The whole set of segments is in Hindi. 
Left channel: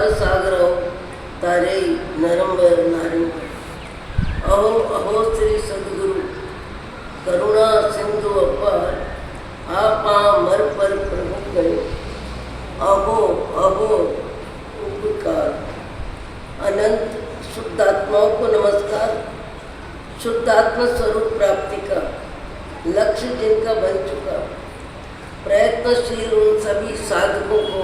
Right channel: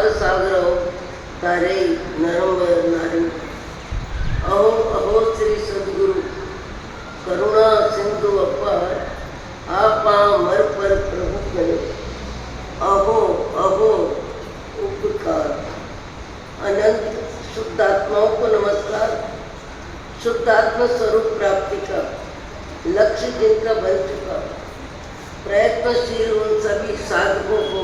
संसार सागर तारे नरम नारी। अहो अहो श्री सदगुरु करुणा सिंधु अपार, आपा मर पर प्रभु गए, अहो अहो उपकार। अनंत शुद्धात्माओं को नमस्कार। शुद्धात्मा स्वरूप प्राप्ति का लक्ष्य जिनका बन चुका, प्रयत्नशील उन सभी साधकों को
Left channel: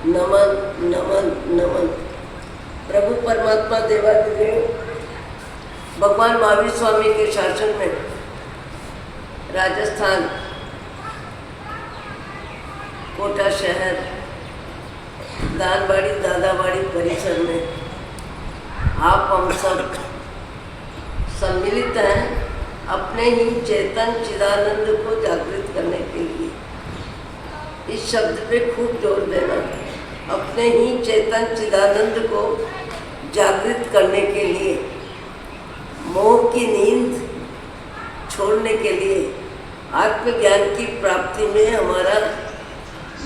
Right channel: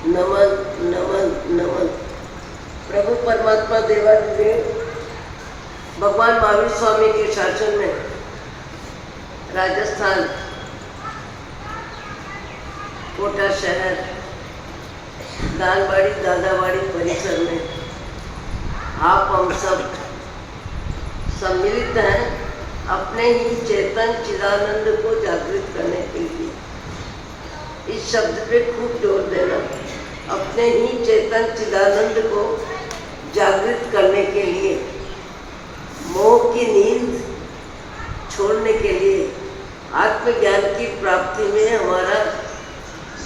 नमन नमन नमन। प्रभु परमात्मा देवादिदेव भगवान महावीर स्वामी के शासन में राजस्थान कोटा शहर दानबाड़ी दादाबाड़ी परिसर में आप हम सब सम्मिलित हैं अपने ही चेतन चिदानंद को जागृत करने के लिए। इस शब्द पे खूब जोर देना, अपने ही चेतन चिदानंद को जागृत करने के लिए, मोह की नींद छोड़ने के लिए, आत्मज्ञान की प्राप्ति में हमारा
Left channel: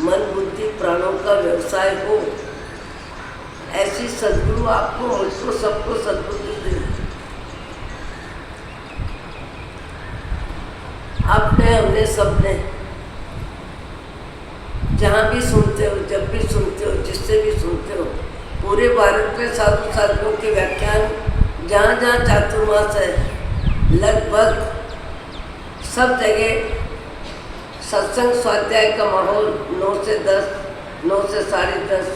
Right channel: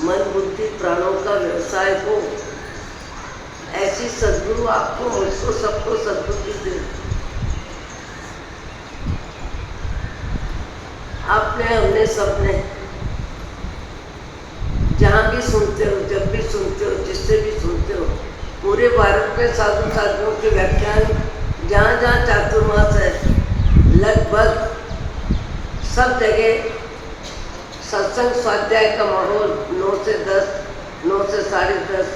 मन बुद्धि प्राणों का व्यवसाय हो, ऐसी सद्गुरु आपको मुझको सबको सद्बुद्धि दे। आपने हमने सबने जहाँ भी सुनते हो, जब भी सुनते हो, जिससे भी सुनते हो, पूरे भारत के साधु साधुओं के व्याख्यान जहाँ जहाँ चातुर्मास है लगभग सब जगह सत्संग स्वाध्याय का माहौल 9 से 10, 9 से 10:30,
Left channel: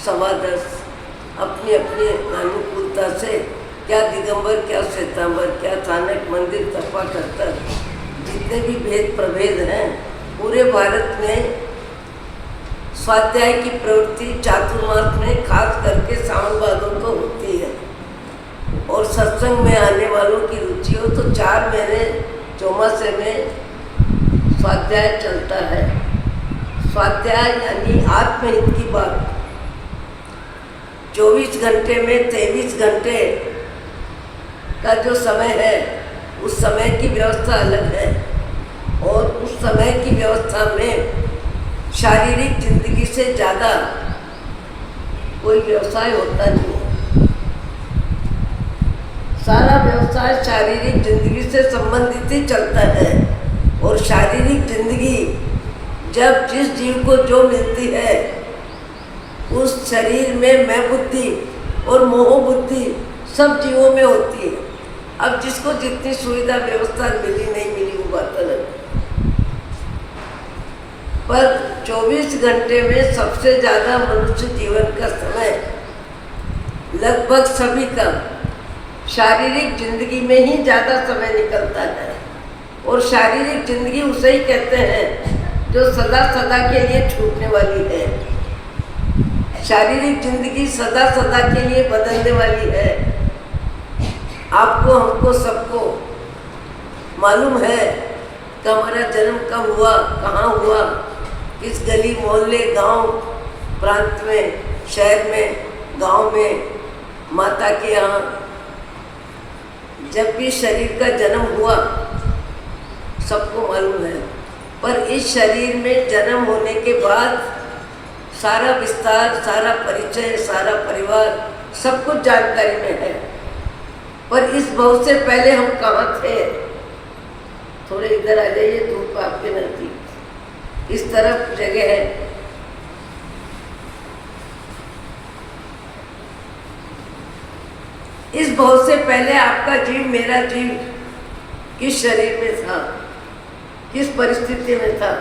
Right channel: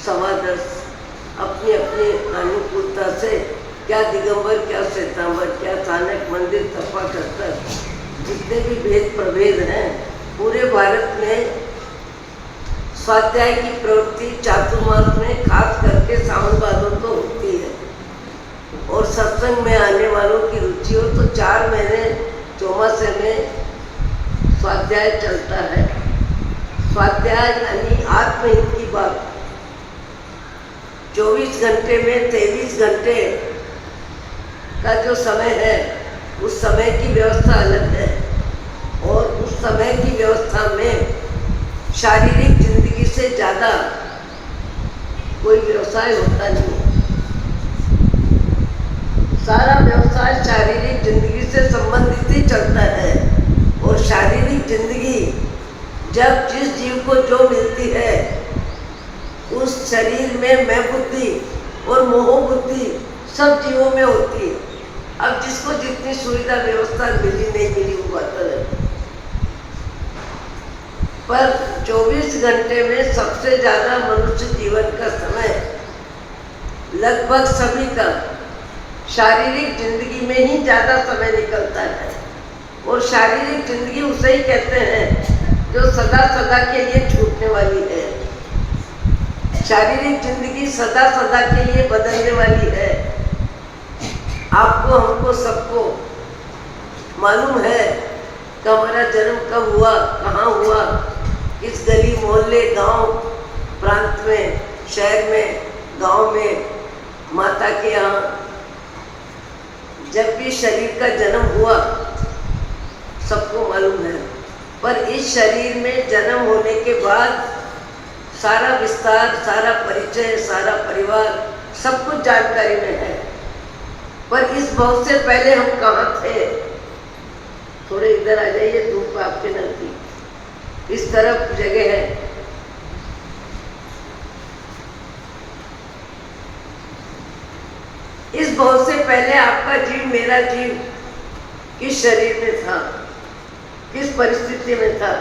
10:15 अपनी अपनी अनुकूलता से, क्या दिगंबर, क्या श्वेतांबर, क्या चाणक मंदिर तपा करता, जितने भी भेद प्रभेद हैं पूरे भारत में स्वाध्याय की प्रवृत्ति चातुर्मास में खास करके सावन भादों को होती है। और सत्संग में आने वालों की रुचि हो तो 4 महीने चौमासे में स्वाध्याय चलता है। स्वाध्याय यानी आत्महित की बात। 24 घंटे में 23 घंटे का जो समय है उस समय की व्यवस्था अलग है, और उस समय की व्यवस्था में शारीरिक जिंदगी से ज़्यादा कोई व्यवसाय होता नहीं है। सारा व्यवसाय शारीरिक जिंदगी से संबंधित ही चलता है, और शारीरिक जिंदगी जब जिस जीव को जो मिलती है उस शरीर में मैं बुद्धि और मोह बुद्धि सब जीवों में होती है। अब जिसको जितनी सुविधा व्यवस्था मिली नहीं मिली वो बात अलग, पर 24 घंटे में सबसे ज़्यादा मनुष्य जीवन का समय लगभग सभी का शारीरिक जिंदगी में ही ज़्यादा समय निकलता है। और शारीरिक जिंदगी उसे ही कहते हैं जो सदा सदा के लिए छूटने वाली है। शारीरिक जिंदगी सदा सदा के लिए बदलने वाली है। आपको हमको सबको मालूम है कि हमारा जन्म कब हुआ, कहाँ हुआ, किस गली मोहल्ले गांव प्रांत में, शहर में, गांव में, माता के यहाँ जब भी शरीर का जन्म हुआ सबको मालूम है। पर इस शरीर में जन्म होने के बाद सारा विस्तार, सारा परिचय, सारा परिवार सब कुछ जानकारी में है। पर इस भव से पहले हम कहाँ थे? थोड़े इधर आ जाइए, धूप आपके नजदीक, इस तरफ जगह है। इस भव से पहले आपका जीव, मेरा जीव किस शरीर में था, किस परिस्थिति में था,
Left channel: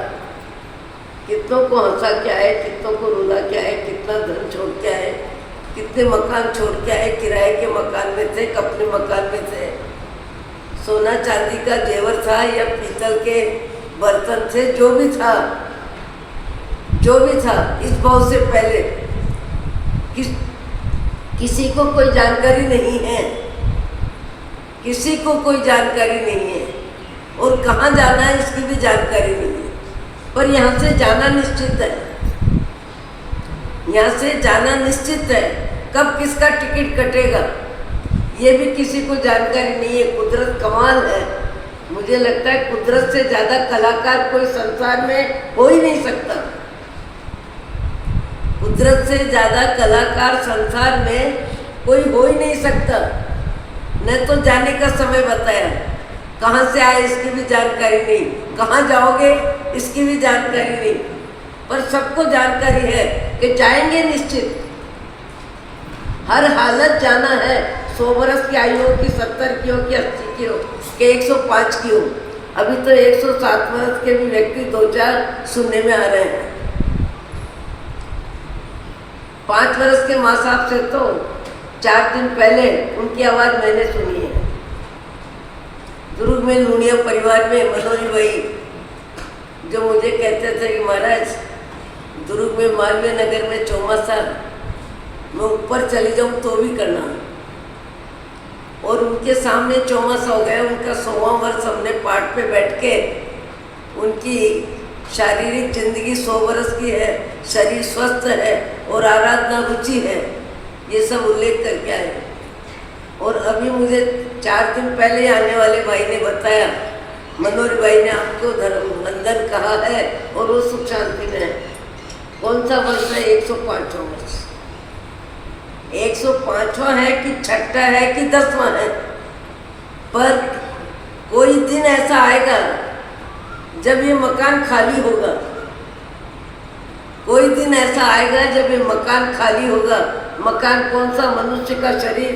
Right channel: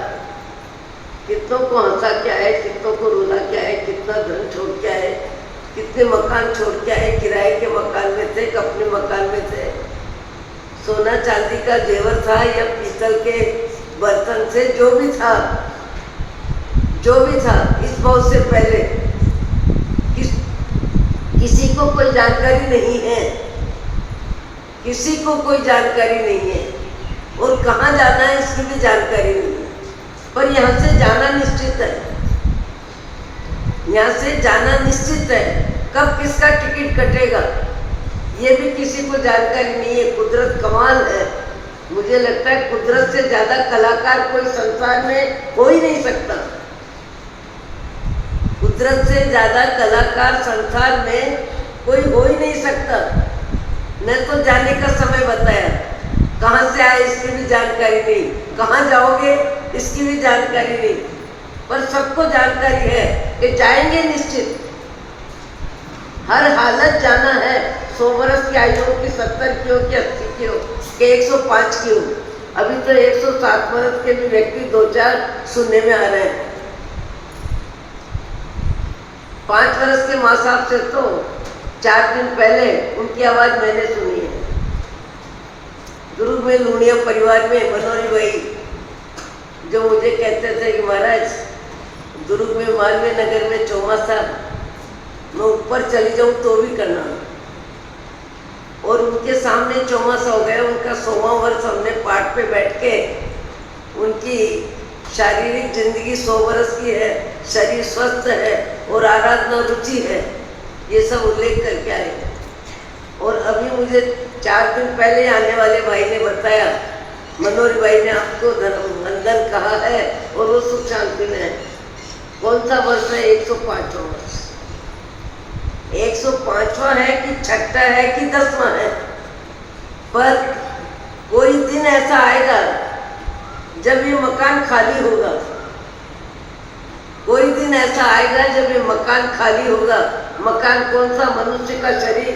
कितनों को हंसा क्या है, कितनों को रुला क्या है, कितना धन छोड़ क्या है, कितने मकान छोड़ के आए, किराए के मकान में थे, अपने मकान में थे, सोना चांदी का जेवर था या पीतल के बर्तन थे, जो भी था, जो भी था, इस भाव से पहले किसी को कोई जानकारी नहीं है, किसी को कोई जानकारी नहीं है, और कहाँ जाना है इसकी भी जानकारी नहीं है। पर यहाँ से जाना निश्चित है, यहाँ से जाना निश्चित है। कब किसका टिकट कटेगा ये भी किसी को जानकारी नहीं है। कुदरत कमाल है। मुझे लगता है कुदरत से ज़्यादा कलाकार कोई संसार में हो ही नहीं सकता। फितरत से ज़्यादा कलाकार संसार में कोई हो ही नहीं सकता। न तो जाने का समय बताया, कहाँ से आए इसकी भी जानकारी नहीं, कहाँ जाओगे इसकी भी जानकारी नहीं, पर सबको जानकारी है कि जाएंगे निश्चित। हर हालत जाना है। 100 वर्ष की आयु हो कि 70 की हो कि 80 की हो कि 105 की हो। अभी तो 107 वर्ष के भी व्यक्ति 2-4 सुनने में आ रहे हैं। 5 वर्ष के माँ साहब से तो 4 दिन पहले उनकी आवाज़ मैंने सुनी है। दुर्ग में लूणिया परिवार में मनोरी भाई जो मुझे कहते थे कि महाराज दुर्ग में मालवीय नगर में चौमासा मैं ऊपर चली जाऊं तो भी करना। और उनके सामने चौमासा हो गया। उनका 100वां वर्ष हमने पाठ पे बैठ के उनकी शारीरिक जिंदगी 100 वर्ष की है, शरीर स्वस्थ है और आराधना रुचि है, ये सब उल्लेख करके आए। और अभी मुझे 4 दिन पहले आने वाले भाई ने बताया, मनोहर भाई ने आपको धर्म बंधन कहा है और वो सुख शांति में है। कौन सा वर्ष है? 105वां वर्ष। 105वां है कि 6वां है कि 10वां है, पर कोई दिन ऐसा आएगा जब ये मकान खाली होगा। कोई दिन ऐसा आएगा जब ये मकान खाली होगा। मकान कौन सा? मनुष्य का शरीर।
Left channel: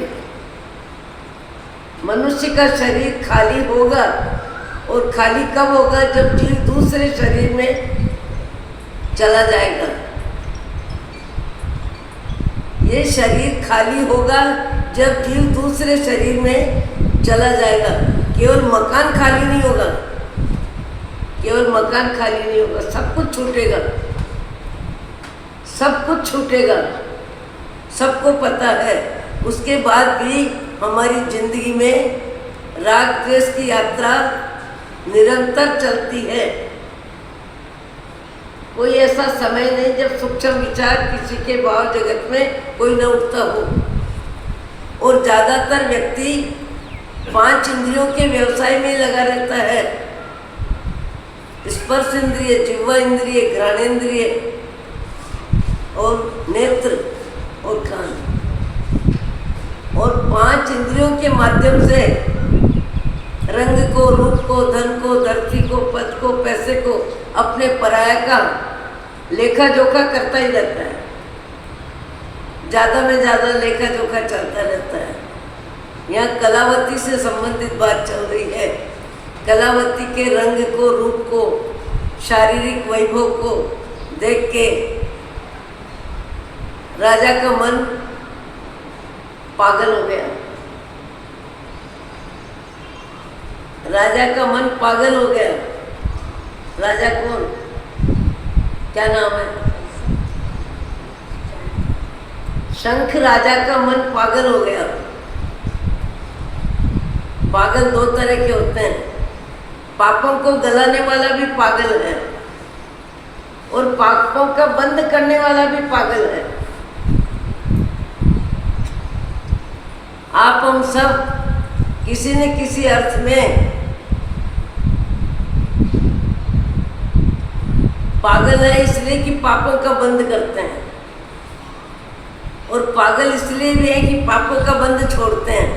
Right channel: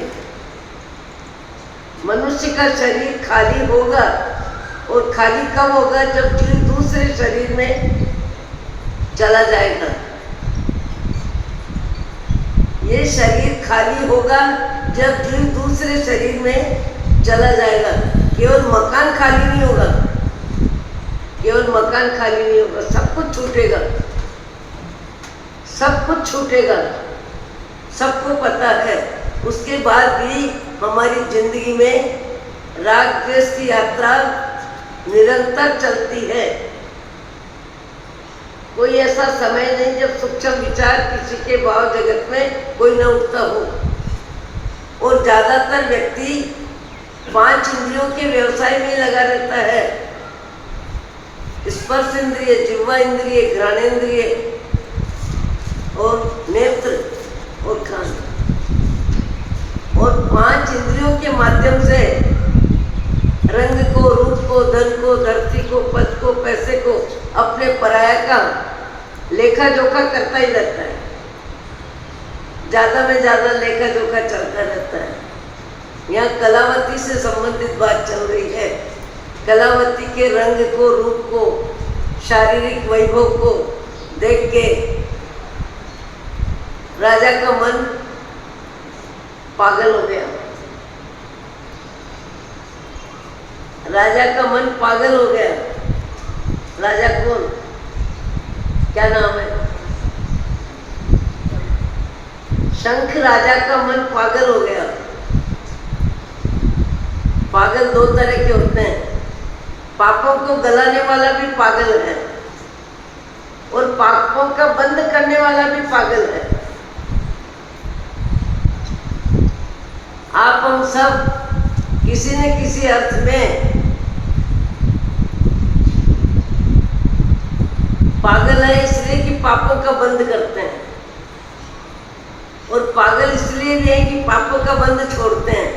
मनुष्य का शरीर खाली होगा। और खाली कब होगा? जब जीव दूसरे शरीर में चला जाएगा। ये शरीर खाली होगा जब जीव दूसरे शरीर में चला जाएगा। केवल मकान खाली नहीं होगा, केवल मकान खाली नहीं होगा, सब कुछ छूटेगा, सब कुछ छूटेगा, सबको पता है। उसके बाद भी हमारी जिंदगी में राग द्वेष की यात्रा निरंतर चलती है। कोई ऐसा समय नहीं जब सूक्ष्म विचार किसी के भाव जगत में कोई न उठता हो। और ज़्यादातर व्यक्ति 5 इंद्रियों के व्यवसाय में लगा रहता है। स्पर्श इंद्रिय, जिह्वा इंद्रिय, घ्राणेन्द्रिय और नेत्र और कान। और 5 इंद्रियों के माध्यम से रंग को, रूप को, धन को, धरती को, पद को, पैसे को, अपने पराया का लेखा जोखा करता ही रहता है। ज़्यादा में ज़्यादा लेखा जोखा चलता रहता है। यहाँ कलावती से संबंधित बात चल रही है। कलावती के रंग को, रूप को, शारीरिक वैभव को देख के राजा का मन पागल हो गया। राजा का मन पागल हो गया। राजा कौन? क्या नाम है? शंख। राजा का मन पागल हो गया। पागल 2 तरह के होते हैं। पापों को गलाने वाला भी पागल है और पापों का बंद करने वाला भी पागल है। आप हम सब किसी न किसी अर्थ में पागल है, इसलिए कि पापों का बंद करते हैं, और पागल इसलिए भी है कि पापों का बंद छोड़ते हैं।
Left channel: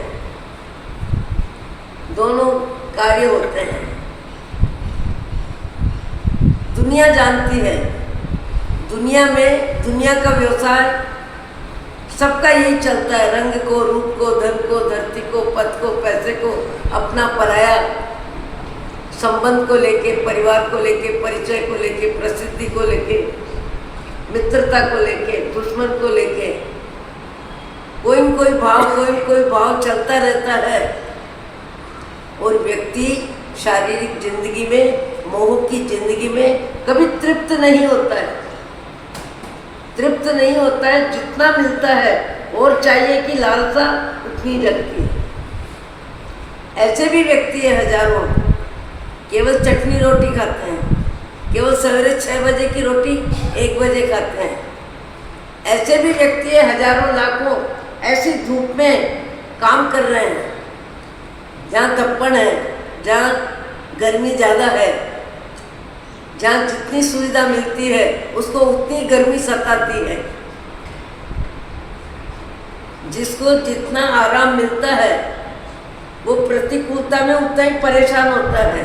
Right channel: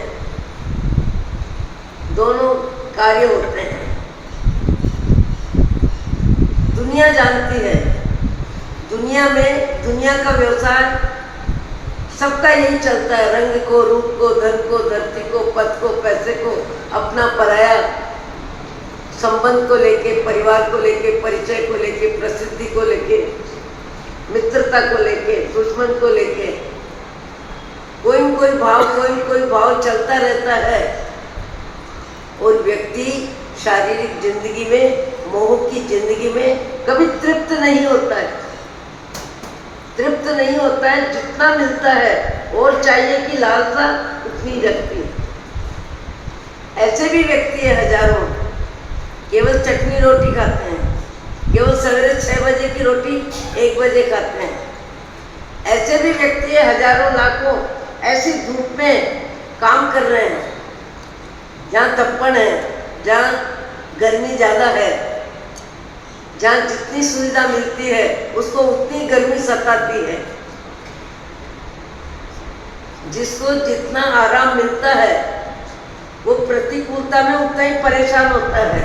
दोनों कार्य होते हैं। दुनिया जानती है, दुनिया में दुनिया का व्यवसाय सबका यही चलता है। रंग को, रूप को, धन को, धरती को, पद को, पैसे को, अपना पराया संबंध को लेके, परिवार को लेके, परिचय को लेके, प्रसिद्धि को लेके, मित्रता को लेके, दुश्मन को लेके कोई न कोई भाव चलता रहता है। और व्यक्ति शारीरिक जिंदगी में, मोह की जिंदगी में कभी तृप्त नहीं होता है। तृप्त नहीं होता है। जितना मिलता है और चाहिए कि लालसा उतनी रखती है। ऐसे भी व्यक्ति है हजारों, केवल चटनी रोटी खाते हैं, केवल सवेरे 6 बजे की रोटी 1 बजे खाते हैं। ऐसे भी व्यक्ति है हजारों लाखों, ऐसी धूप में काम कर रहे हैं, जहाँ तपन है, जहाँ गर्मी ज़्यादा है, जहाँ जितनी सुविधा मिलती है उसको उतनी गर्मी सताती है। जिसको जितना आराम मिलता है वो प्रतिकूलता में उतना ही परेशान होता है।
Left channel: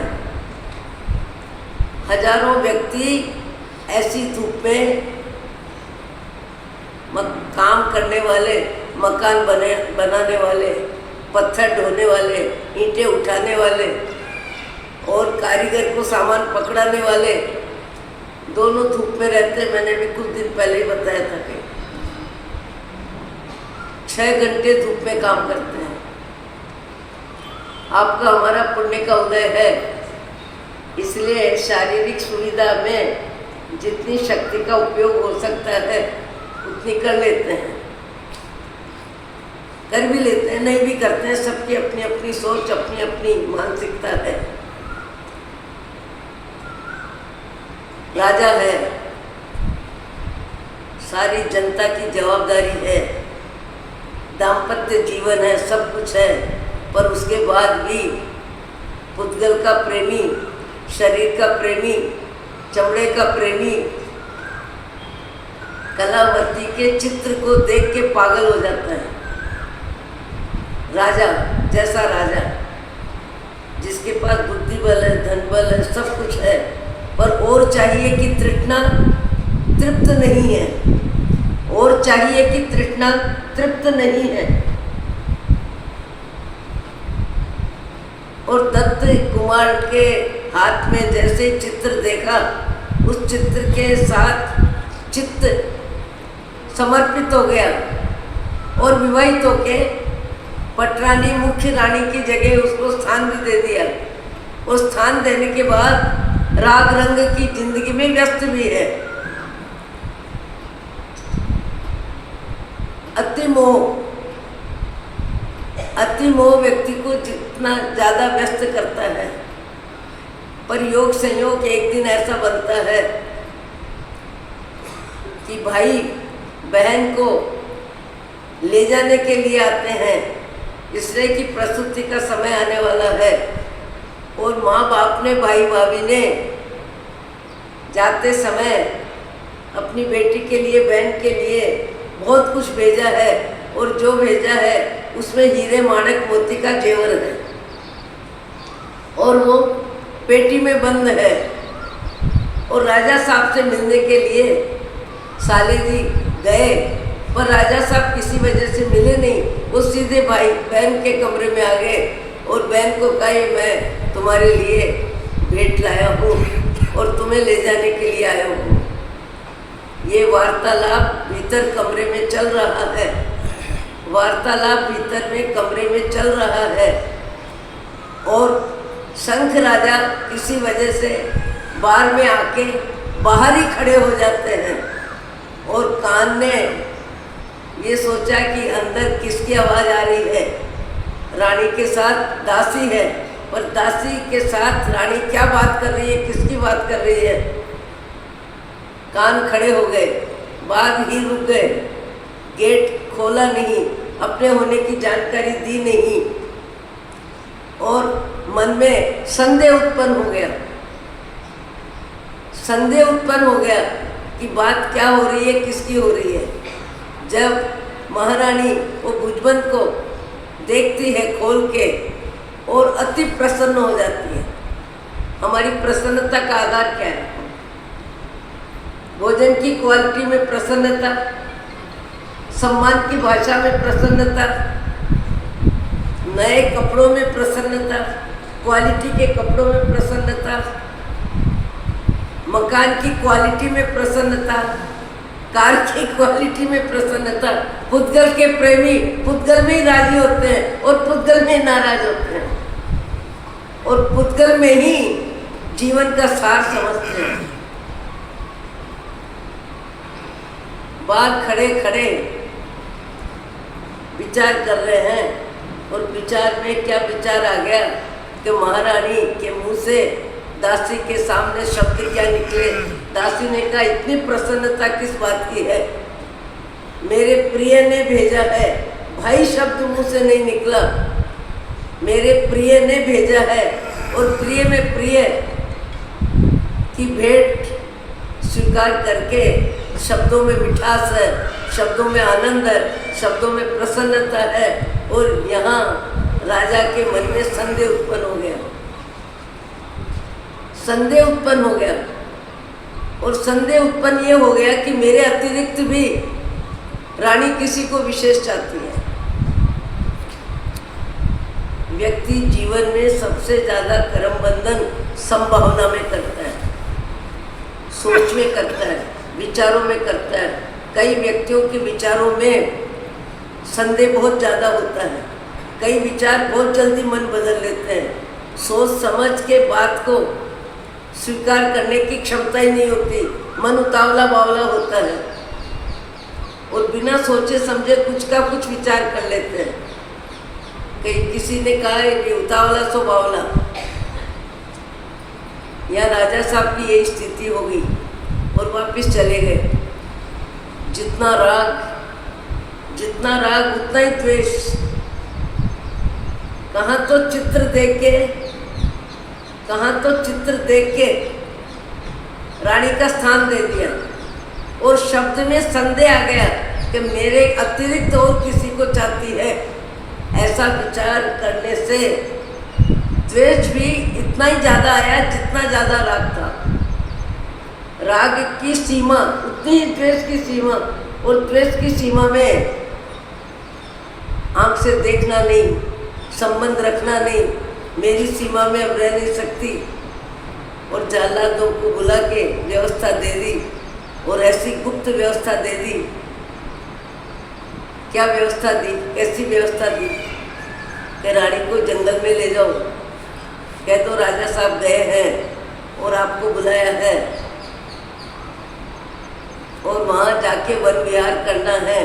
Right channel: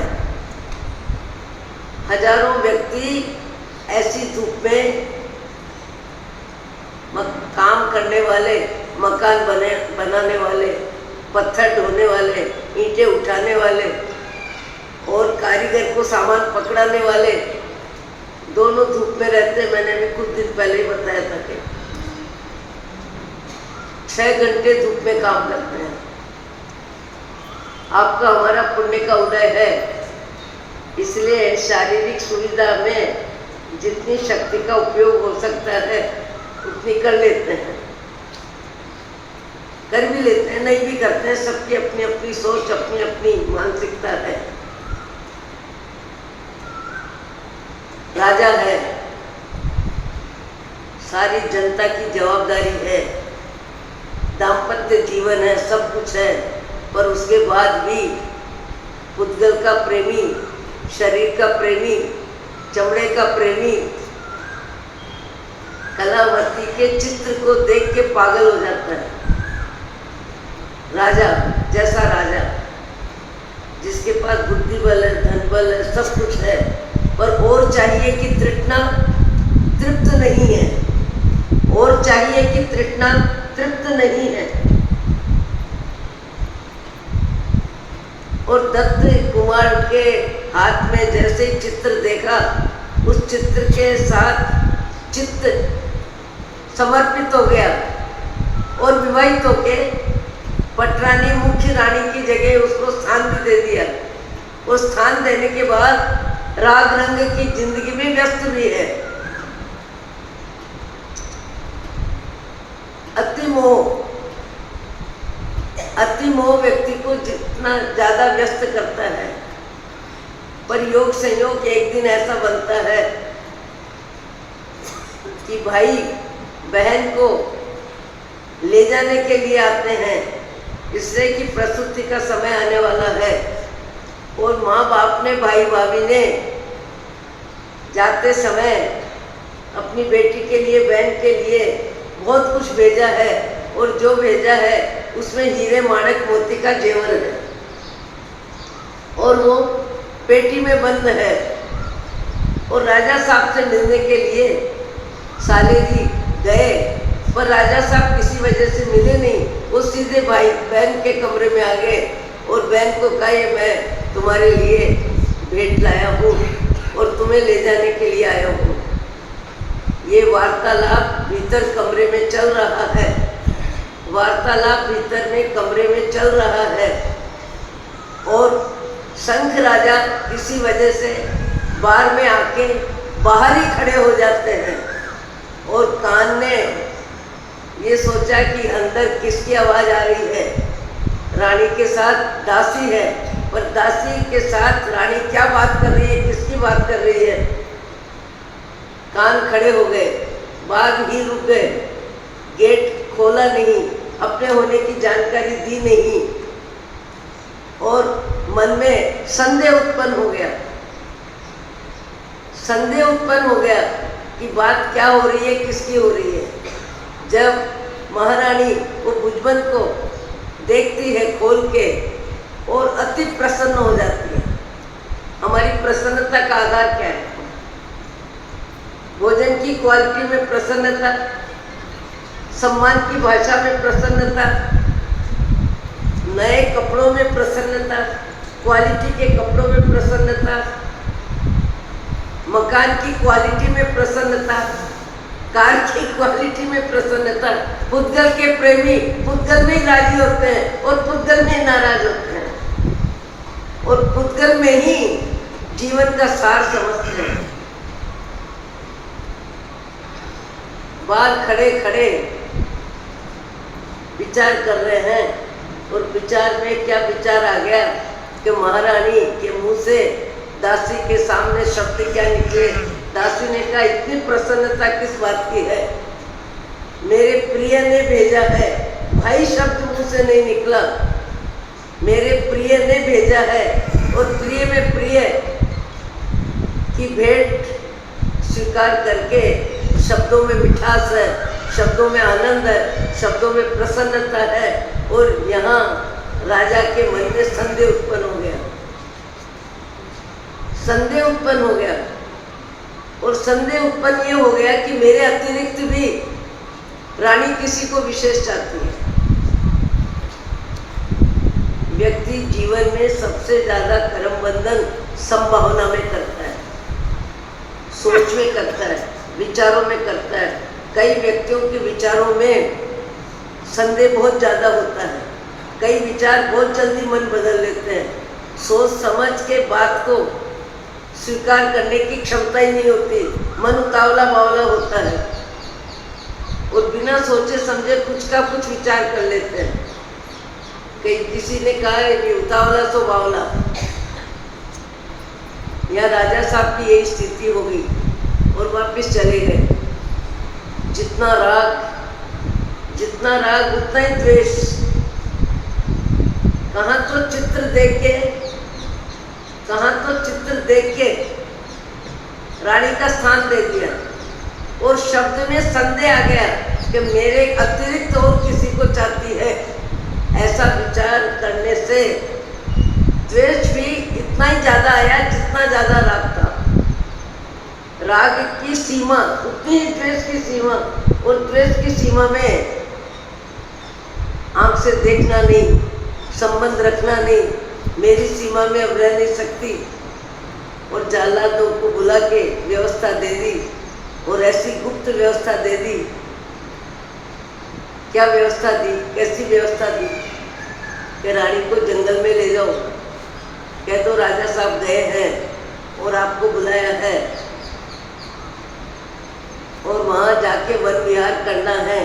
हजारों व्यक्ति ऐसी धूप में काम करने वाले, मकान बनाने वाले, पत्थर ढोने वाले, ईंटें उठाने वाले और कारीगर को सामान पकड़ाने वाले दोनों धूप में रहते हैं। मैंने भी कुछ दिन पहले ही बताया था कि 6 घंटे धूप में काम करते हैं। आपका हमारा पुण्य का उदय है, इसलिए शारीरिक सुविधा में जितनी शक्ति का उपयोग हो सकता है उतनी कर लेते हैं, कर भी लेते हैं, नहीं भी करते हैं। सबकी अपनी अपनी सोच, अपनी अपनी मानसिकता है। राजा है, सारी जनता की जवाबदारी है, दाम्पत्य जीवन है, सब कुछ है, पर उसके बाद भी पुद्गल का प्रेमी, शरीर का प्रेमी, चमड़े का प्रेमी कलावती के चित्र को देख के पागल हो जाता है। राजा जैसा राजा, जिसके पास बुद्धि बल है, धन बल है, सब कुछ है, पर और चाहिए कि तृष्णा तृप्त नहीं है, और चाहिए कि तृष्णा तृप्त नहीं है। और दत्त कुमार के हाथ में जैसे चित्र देखा, उस चित्र के साथ चित्त समर्पित हो गया और विवाहित होके पटरानी मुख्य रानी की जगह उसको स्थान भी दे दिया। और स्थान देने के बाद राग रंग की जिंदगी में व्यस्त भी है। अति मोह व्यक्ति को जितना ज्यादा व्यस्त करता है, पर योग संयोग एक दिन ऐसा बनता है कि भाई बहन को ले जाने के लिए आते हैं, इसलिए कि प्रसूति का समय आने वाला है। और माँ बाप ने, भाई भाभी ने जाते समय अपनी बेटी के लिए, बहन के लिए बहुत कुछ भेजा है, और जो भेजा है उसमें हीरे माणक मोती का जेवर है, और वो पेटी में बंद है। और राजा साहब से मिलने के लिए साली जी गए, पर राजा साहब किसी वजह से मिले नहीं। वो सीधे भाई बहन के कमरे में आ गए और बहन को कहे, मैं तुम्हारे लिए भेंट लाया हूँ और तुम्हें ले जाने के लिए आया हूँ। ये वार्तालाप भीतर कमरे में चल रहा है, वार्तालाप भीतर में कमरे में चल रहा है। और शंख राजा किसी वजह से बार में आके बाहर ही खड़े हो जाते हैं, और कान ने ये सोचा कि अंदर किसकी आवाज़ आ रही है। रानी के साथ दासी है, और दासी के साथ रानी क्या बात कर रही है, किसकी बात कर रही है। कान खड़े हो गए, बाग ही रुक गए, गेट खोला नहीं, अपने होने की जानकारी दी नहीं, और मन में संदेह उत्पन्न हो गया। संदेह उत्पन्न हो गया कि बात क्या हो रही है, किसकी हो रही है। जब महारानी वो भुजबंद को देखती है खोल के, और अति प्रसन्न हो जाती है। हमारी प्रसन्नता का आधार क्या है? भोजन की क्वालिटी में प्रसन्नता, सम्मान की भाषा में प्रसन्नता, नए कपड़ों में प्रसन्नता, क्वालिटी के कपड़ों में प्रसन्नता, मकान की क्वालिटी में प्रसन्नता, कार की क्वालिटी में प्रसन्नता। पुद्गल के प्रेमी पुद्गल में ही राजी होते हैं और पुद्गल में नाराज होते हैं, और पुद्गल में ही जीवन का सार समझते हैं। बाल खड़े खड़े विचार कर रहे हैं, और विचार में क्या विचार आ गया कि महारानी के मुंह से दासी के सामने शब्द क्या निकले। दासी ने कहा, इतनी प्रसन्नता किस बात की है, मेरे प्रिय ने भेजा है। भाई शब्द मुंह से नहीं निकला, मेरे प्रिय ने भेजा है, और प्रिय में प्रिय की भेंट स्वीकार करके शब्दों में मिठास है, शब्दों में आनंद है, शब्दों में प्रसन्नता है। और यहाँ राजा के मन में संदेह उत्पन्न हो गया, संदेह उत्पन्न हो गया। और संदेह उत्पन्न ये हो गया कि मेरे अतिरिक्त भी रानी किसी को विशेष चाहती है। व्यक्ति जीवन में सबसे ज्यादा कर्म बंधन संभावना में करता है, सोच में करता है, विचारों में करता है। कई व्यक्तियों के विचारों में संदेह बहुत ज्यादा होता है, कई विचार बहुत जल्दी मन बदल लेते हैं। सोच समझ के बात को स्वीकार करने की क्षमता ही नहीं होती, मन उतावला बावला होता है और बिना सोचे समझे कुछ का कुछ विचार कर लेते हैं। कहीं किसी ने कहा है कि उतावला सो बावला। या राजा साहब की यही स्थिति हो गई और वापिस चले गए। जितना राग उतना ही द्वेष। कहाँ तो चित्र देख के रानी का स्थान दे दिया और शब्द में संदेह आ गया कि मेरे अतिरिक्त और किसी को चाहती है। ऐसा विचार करने से द्वेष भी इतना ही ज्यादा आया जितना ज्यादा राग था। राग की सीमा उतनी ही द्वेष की सीमा, और द्वेष की सीमा में आंख से देखना नहीं, संबंध रखना नहीं, मेरी सीमा में अब रह नहीं सकती। और जाल्लादों को बुला के व्यवस्था दे दी और ऐसी गुप्त व्यवस्था दे दी। क्या व्यवस्था दी, कैसी व्यवस्था दी कि रानी को जंगल में ले जाओ, कह दो राजा साहब गए हैं और आपको बुलाया है और वहाँ जाके वन विहार करना है।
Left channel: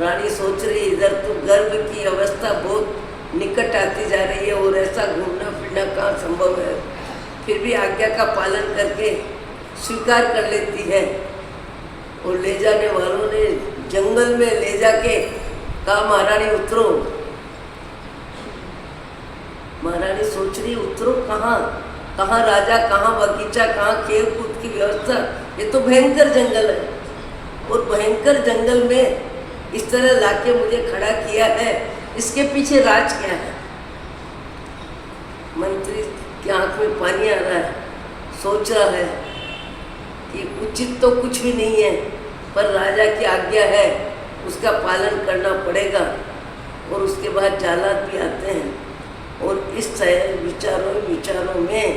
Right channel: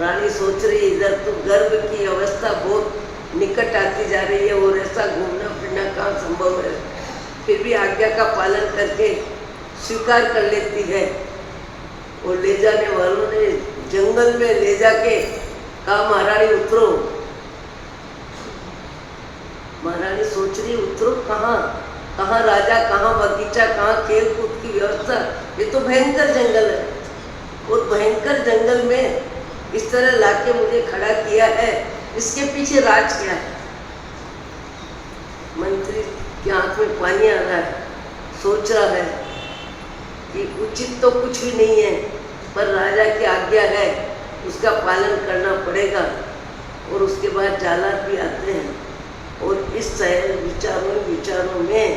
रानी सोच रही इधर तो गर्भ की अवस्था बहुत निकट आती जा रही है और ऐसा घूमना फिरना कहाँ संभव है। फिर भी आज्ञा का पालन करके स्वीकार कर लेती है। और ले जाने वालों ने जंगल में ले जाके कहा महारानी उतरो। महारानी सोच रही उतरो कहाँ, कहाँ राजा, कहाँ बगीचा, कहाँ खेल कूद की व्यवस्था। ये तो भयंकर जंगल है और भयंकर जंगल में इस तरह लाके मुझे खड़ा किया है, इसके पीछे राज क्या है। मंत्री की आंख में पानी आ रहा है, सोच रहा है कि उचित तो कुछ भी नहीं है पर राजा की आज्ञा है, उसका पालन करना पड़ेगा। और उसके बाद जालाद भी आते हैं और इस विचारों में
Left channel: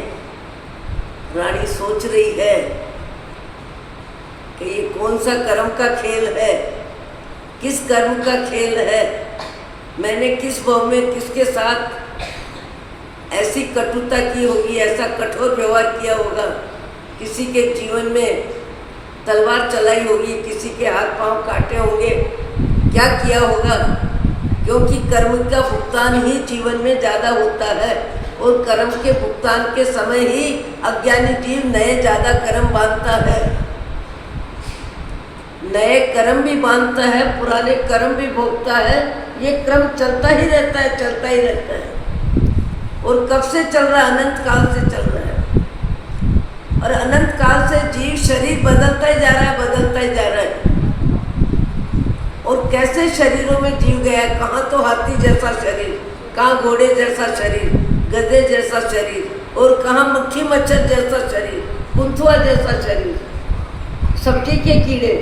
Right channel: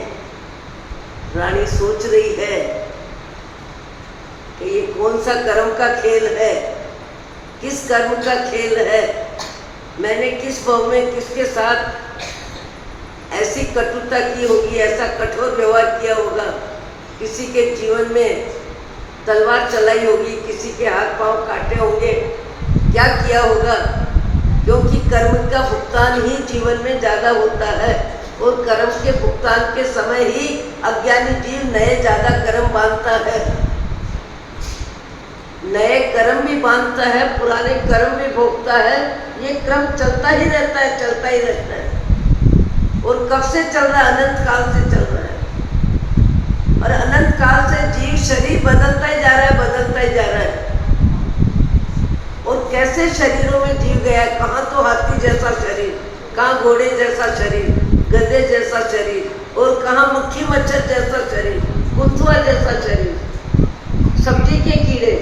रानी सोच रही है कि ये कौन सा कर्म का खेल है, किस कर्म का खेल है। मैंने किस भाव में किसके साथ ऐसी कटुता की होगी, ऐसा कठोर व्यवहार किया होगा, किसी के जीवन में तलवार चलाई होगी, किसी के हाथ पांव काटे होंगे, क्या किया होगा। क्योंकि कर्म का भुगतान ही जीवन में ज़्यादा होता है और कर्म के भुगतान के समय ही अज्ञानी जीव नए ज़्यादा कर्म बांधता है, नए कर्म भी बांधता है, पुराने कर्म भी भोगता है। ये क्रम चलता ही रहता है, चलता ही रहता है। और कब से चल रहा है? अनंत काल से चल रहा है। और अनंत काल से जीव शरीर बदलता ही जा रहा है, बदलता ही जा रहा है। और कैसे शरीरों में जीव गया है, कहाँ तो हाथी जैसा शरीर, कहाँ घोड़े जैसा शरीर, गधे जैसा शरीर, और कहाँ मक्खी मच्छर जैसा शरीर, कुत्थुआ जैसा शरीर, सब्जी के कीड़े,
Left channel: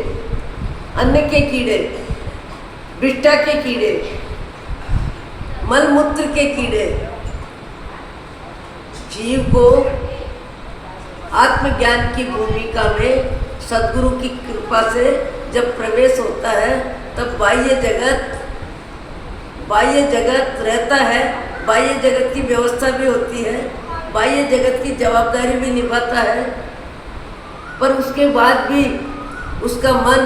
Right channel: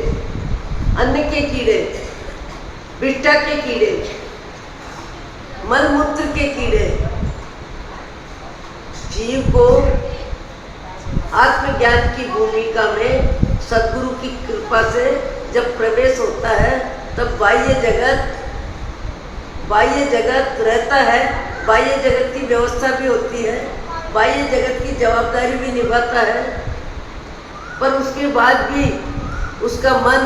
अन्न के कीड़े, बिट्टा के कीड़े, मलमूत्र के कीड़े। जीव को आत्मज्ञान की भूमिका में सद्गुरु की कृपा से जब प्रवेश होता है तब बाह्य जगत रहता है, बाह्य जगत की व्यवस्था भी होती है, बाह्य जगत की जवाबदारी भी निभाता है। पर उसके बाद भी उसका मन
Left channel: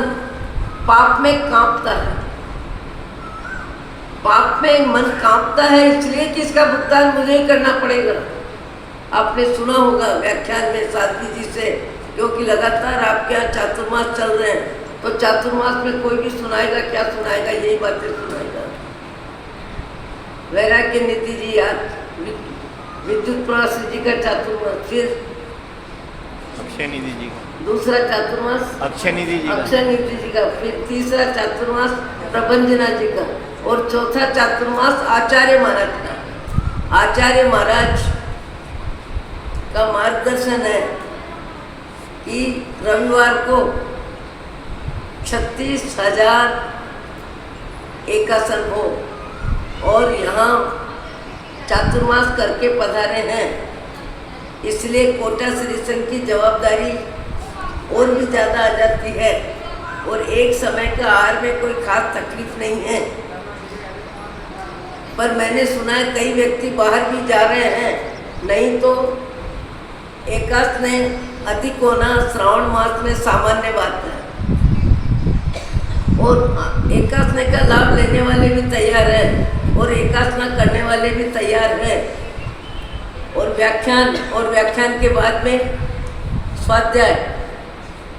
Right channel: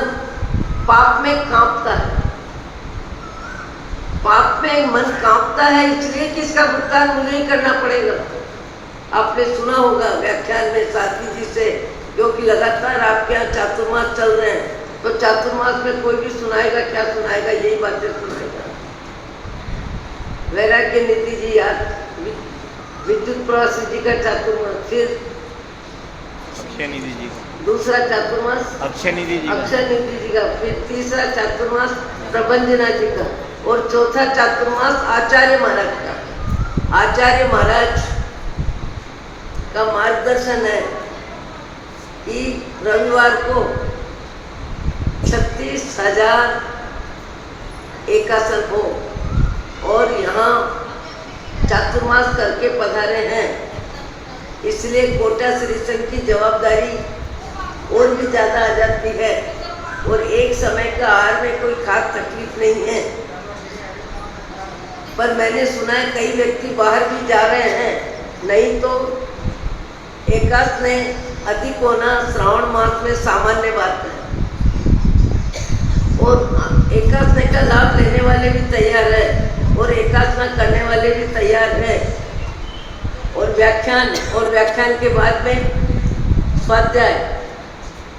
पाप में कांपता है, पाप में मन कांपता है, इसलिए कि इसका भुगतान मुझे ही करना पड़ेगा। आपने सुना होगा व्याख्यान में साथी जी से, क्योंकि लगातार आपके यहाँ चातुर्मास चल रहे हैं, तो चातुर्मास में कोई भी सुनाएगा, क्या सुनाएगा, यही बातें सुनाएगा। वैराग्य नीति जी याद, विद्युत प्रवासी जी का चातुर्मास, फिर अक्षय निधि जी का दूसरा चातुर्मास अक्षय निधि जी का। अक्षय निधि जी का, फिर तीसरा चातुर्मास प्रबंजना जी का, और चौथा चातुर्मास आचार्य महाराज का। आचार्य महाराज का मार्गदर्शन है कि रविवार को 36,000 एकासन हो, और यहाँ चातुर्मास करके पधारे हैं, इसलिए कोटा श्री संघ की जवाबदारी और भी ज़्यादा आ जाती है, और एक समय का आहार में कोई खास तकलीफ नहीं है। पर मैंने सुना है कई व्यक्ति बाहर भी जा रहे हैं, नहीं तो एकादश ने अधिक होना श्रावण मास में सामान्य बात है, और एकादश का लाभ लेने वाले भी तैयार हैं और एकादश करने वाले भी तैयार हैं। और व्याख्यान के बाद में स्वाध्याय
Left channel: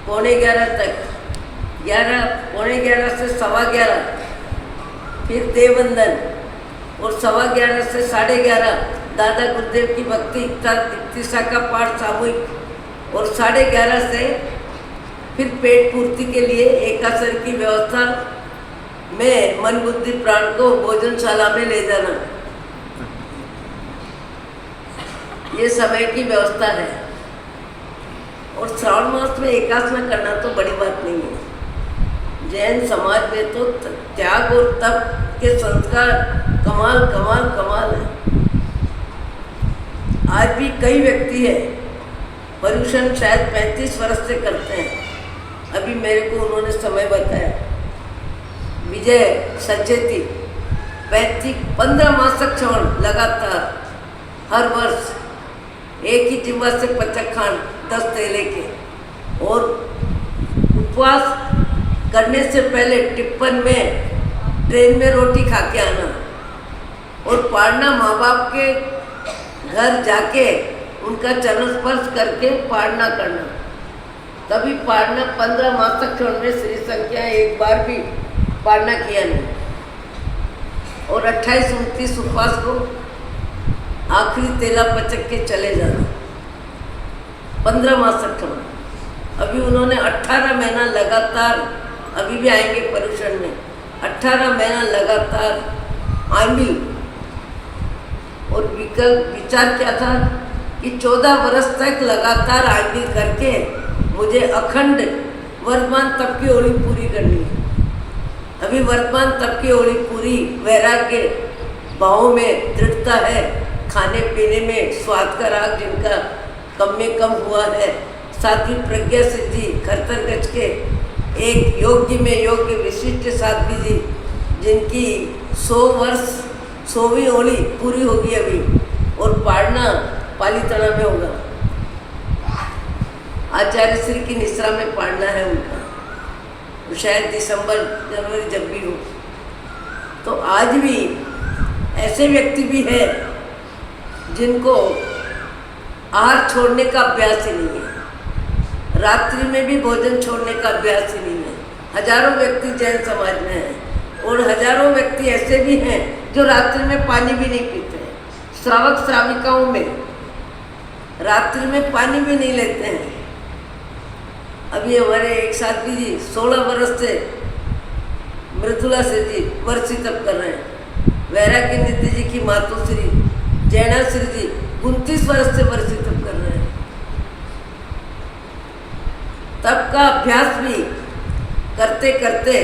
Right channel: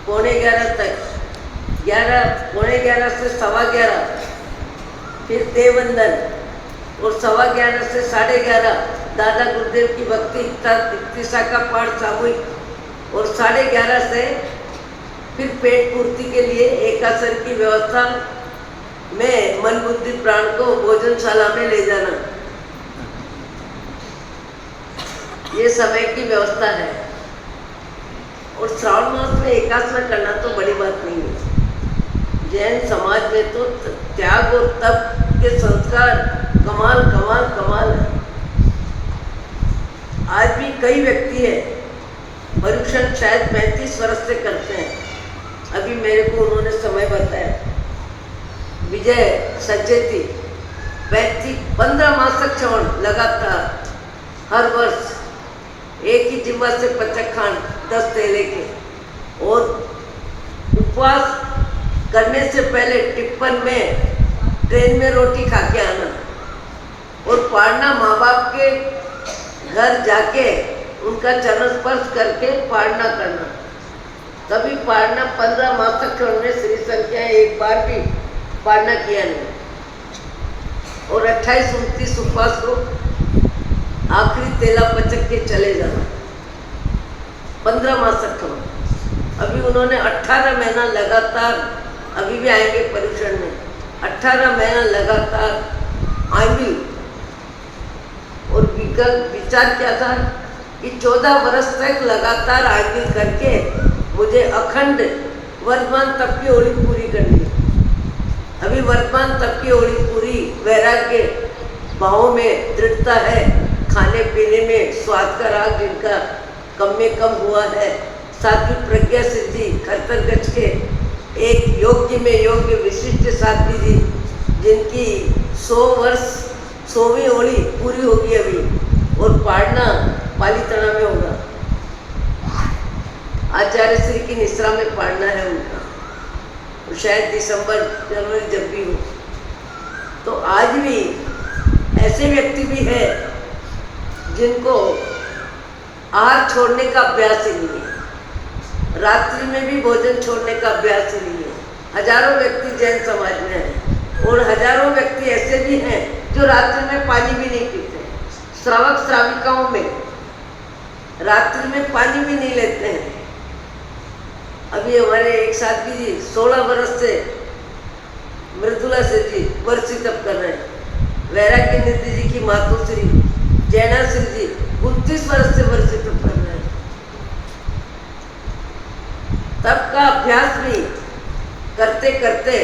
11:15 तक, 11:15 से 11:15, फिर देववंदन, और 11:15 से 11:30 दादा गुरुदेव की भक्ति इत्तिसा का पाठ सामूहिक, और 11:30 से फिर पेट पूर्ति के लिए एकासर की व्यवस्था में मन बुद्धि प्राण को भोजनशाला में ले जाना, ये समय की व्यवस्था है। और श्रावण मास में एकादश करना तो बड़ी बात नहीं है। जैन समाज में तो त्याग और तप के संस्कार कमाल कमाल कमाल है। आज भी कई व्यक्ति हैं, पर्यूषण शायद 35 वर्ष से करते हैं। अभी मेरे को उन्होंने समय बताया, विजय सचेती 15 मास तक श्रवण लगातार, हर वर्ष एक ही जिम्मा से पचखान 10 तेले के, और उपवास करने से पहले टिप्पण में ट्रेन में रोटी खा के आना, और पाड़ना माँ बाप के घर जाके उनका चरण स्पर्श करके पाड़ना करना, तभी पाड़ना 15 मास तक श्रवण में श्री संख्या एक बार भी पाड़ना किया नहीं। और 28-29 उपवास को आखिरी तेला पचक के चले जाना, 15 मास तक। अभी उन्होंने 18 महीना लगातार, अभी भी आएंगे पर्यूषण में, 18 महीना लगातार आंबी, और विचार क्या था कि 14 वर्ष तक लगातार आंबी करके मुझे अखंड वर्तमान तप की ओली पूरी करनी है। अभी वर्तमान तप की ओली पूरी, वैराग्य भावों में दृढ़ता है, खाने पीने में स्वाद का राग जिनका कम में कम हुआ है, साथ ही प्रज्ञा सिद्धि खरतर गज के एक योग्य में योग्य विशिष्ट साध्वी जी, जिनकी 100 वर्ष 100वीं ओली पूरी होगी अभी, और पाड़ना पालीताना में होगा। आचार्य श्री की निश्रा में पाड़ना है उनका, तो शायद दिसंबर जनवरी जब भी हो। तो आज भी ऐसे व्यक्ति भी है जिनको आहार छोड़ने का अभ्यास ही नहीं है, रात्रि में भी भोजन छोड़ने का अभ्यास ही नहीं है। हजारों व्यक्ति जैन समाज में हैं, और हजारों व्यक्ति ऐसे भी हैं जो रात्रि में पानी भी नहीं पीते। श्रावक श्राविकाओं में रात्रि में पानी भी नहीं लेते हैं। अभी हमारे एक साथी जी 16 वर्ष से मृदुला से जी वर्षी तप कर रहे हैं। वैराग्य निधि जी की मातोश्री जैनाश्री जी 29 वर्ष से वर्षी तप कर रहे हैं। तप का अभ्यास भी करते करते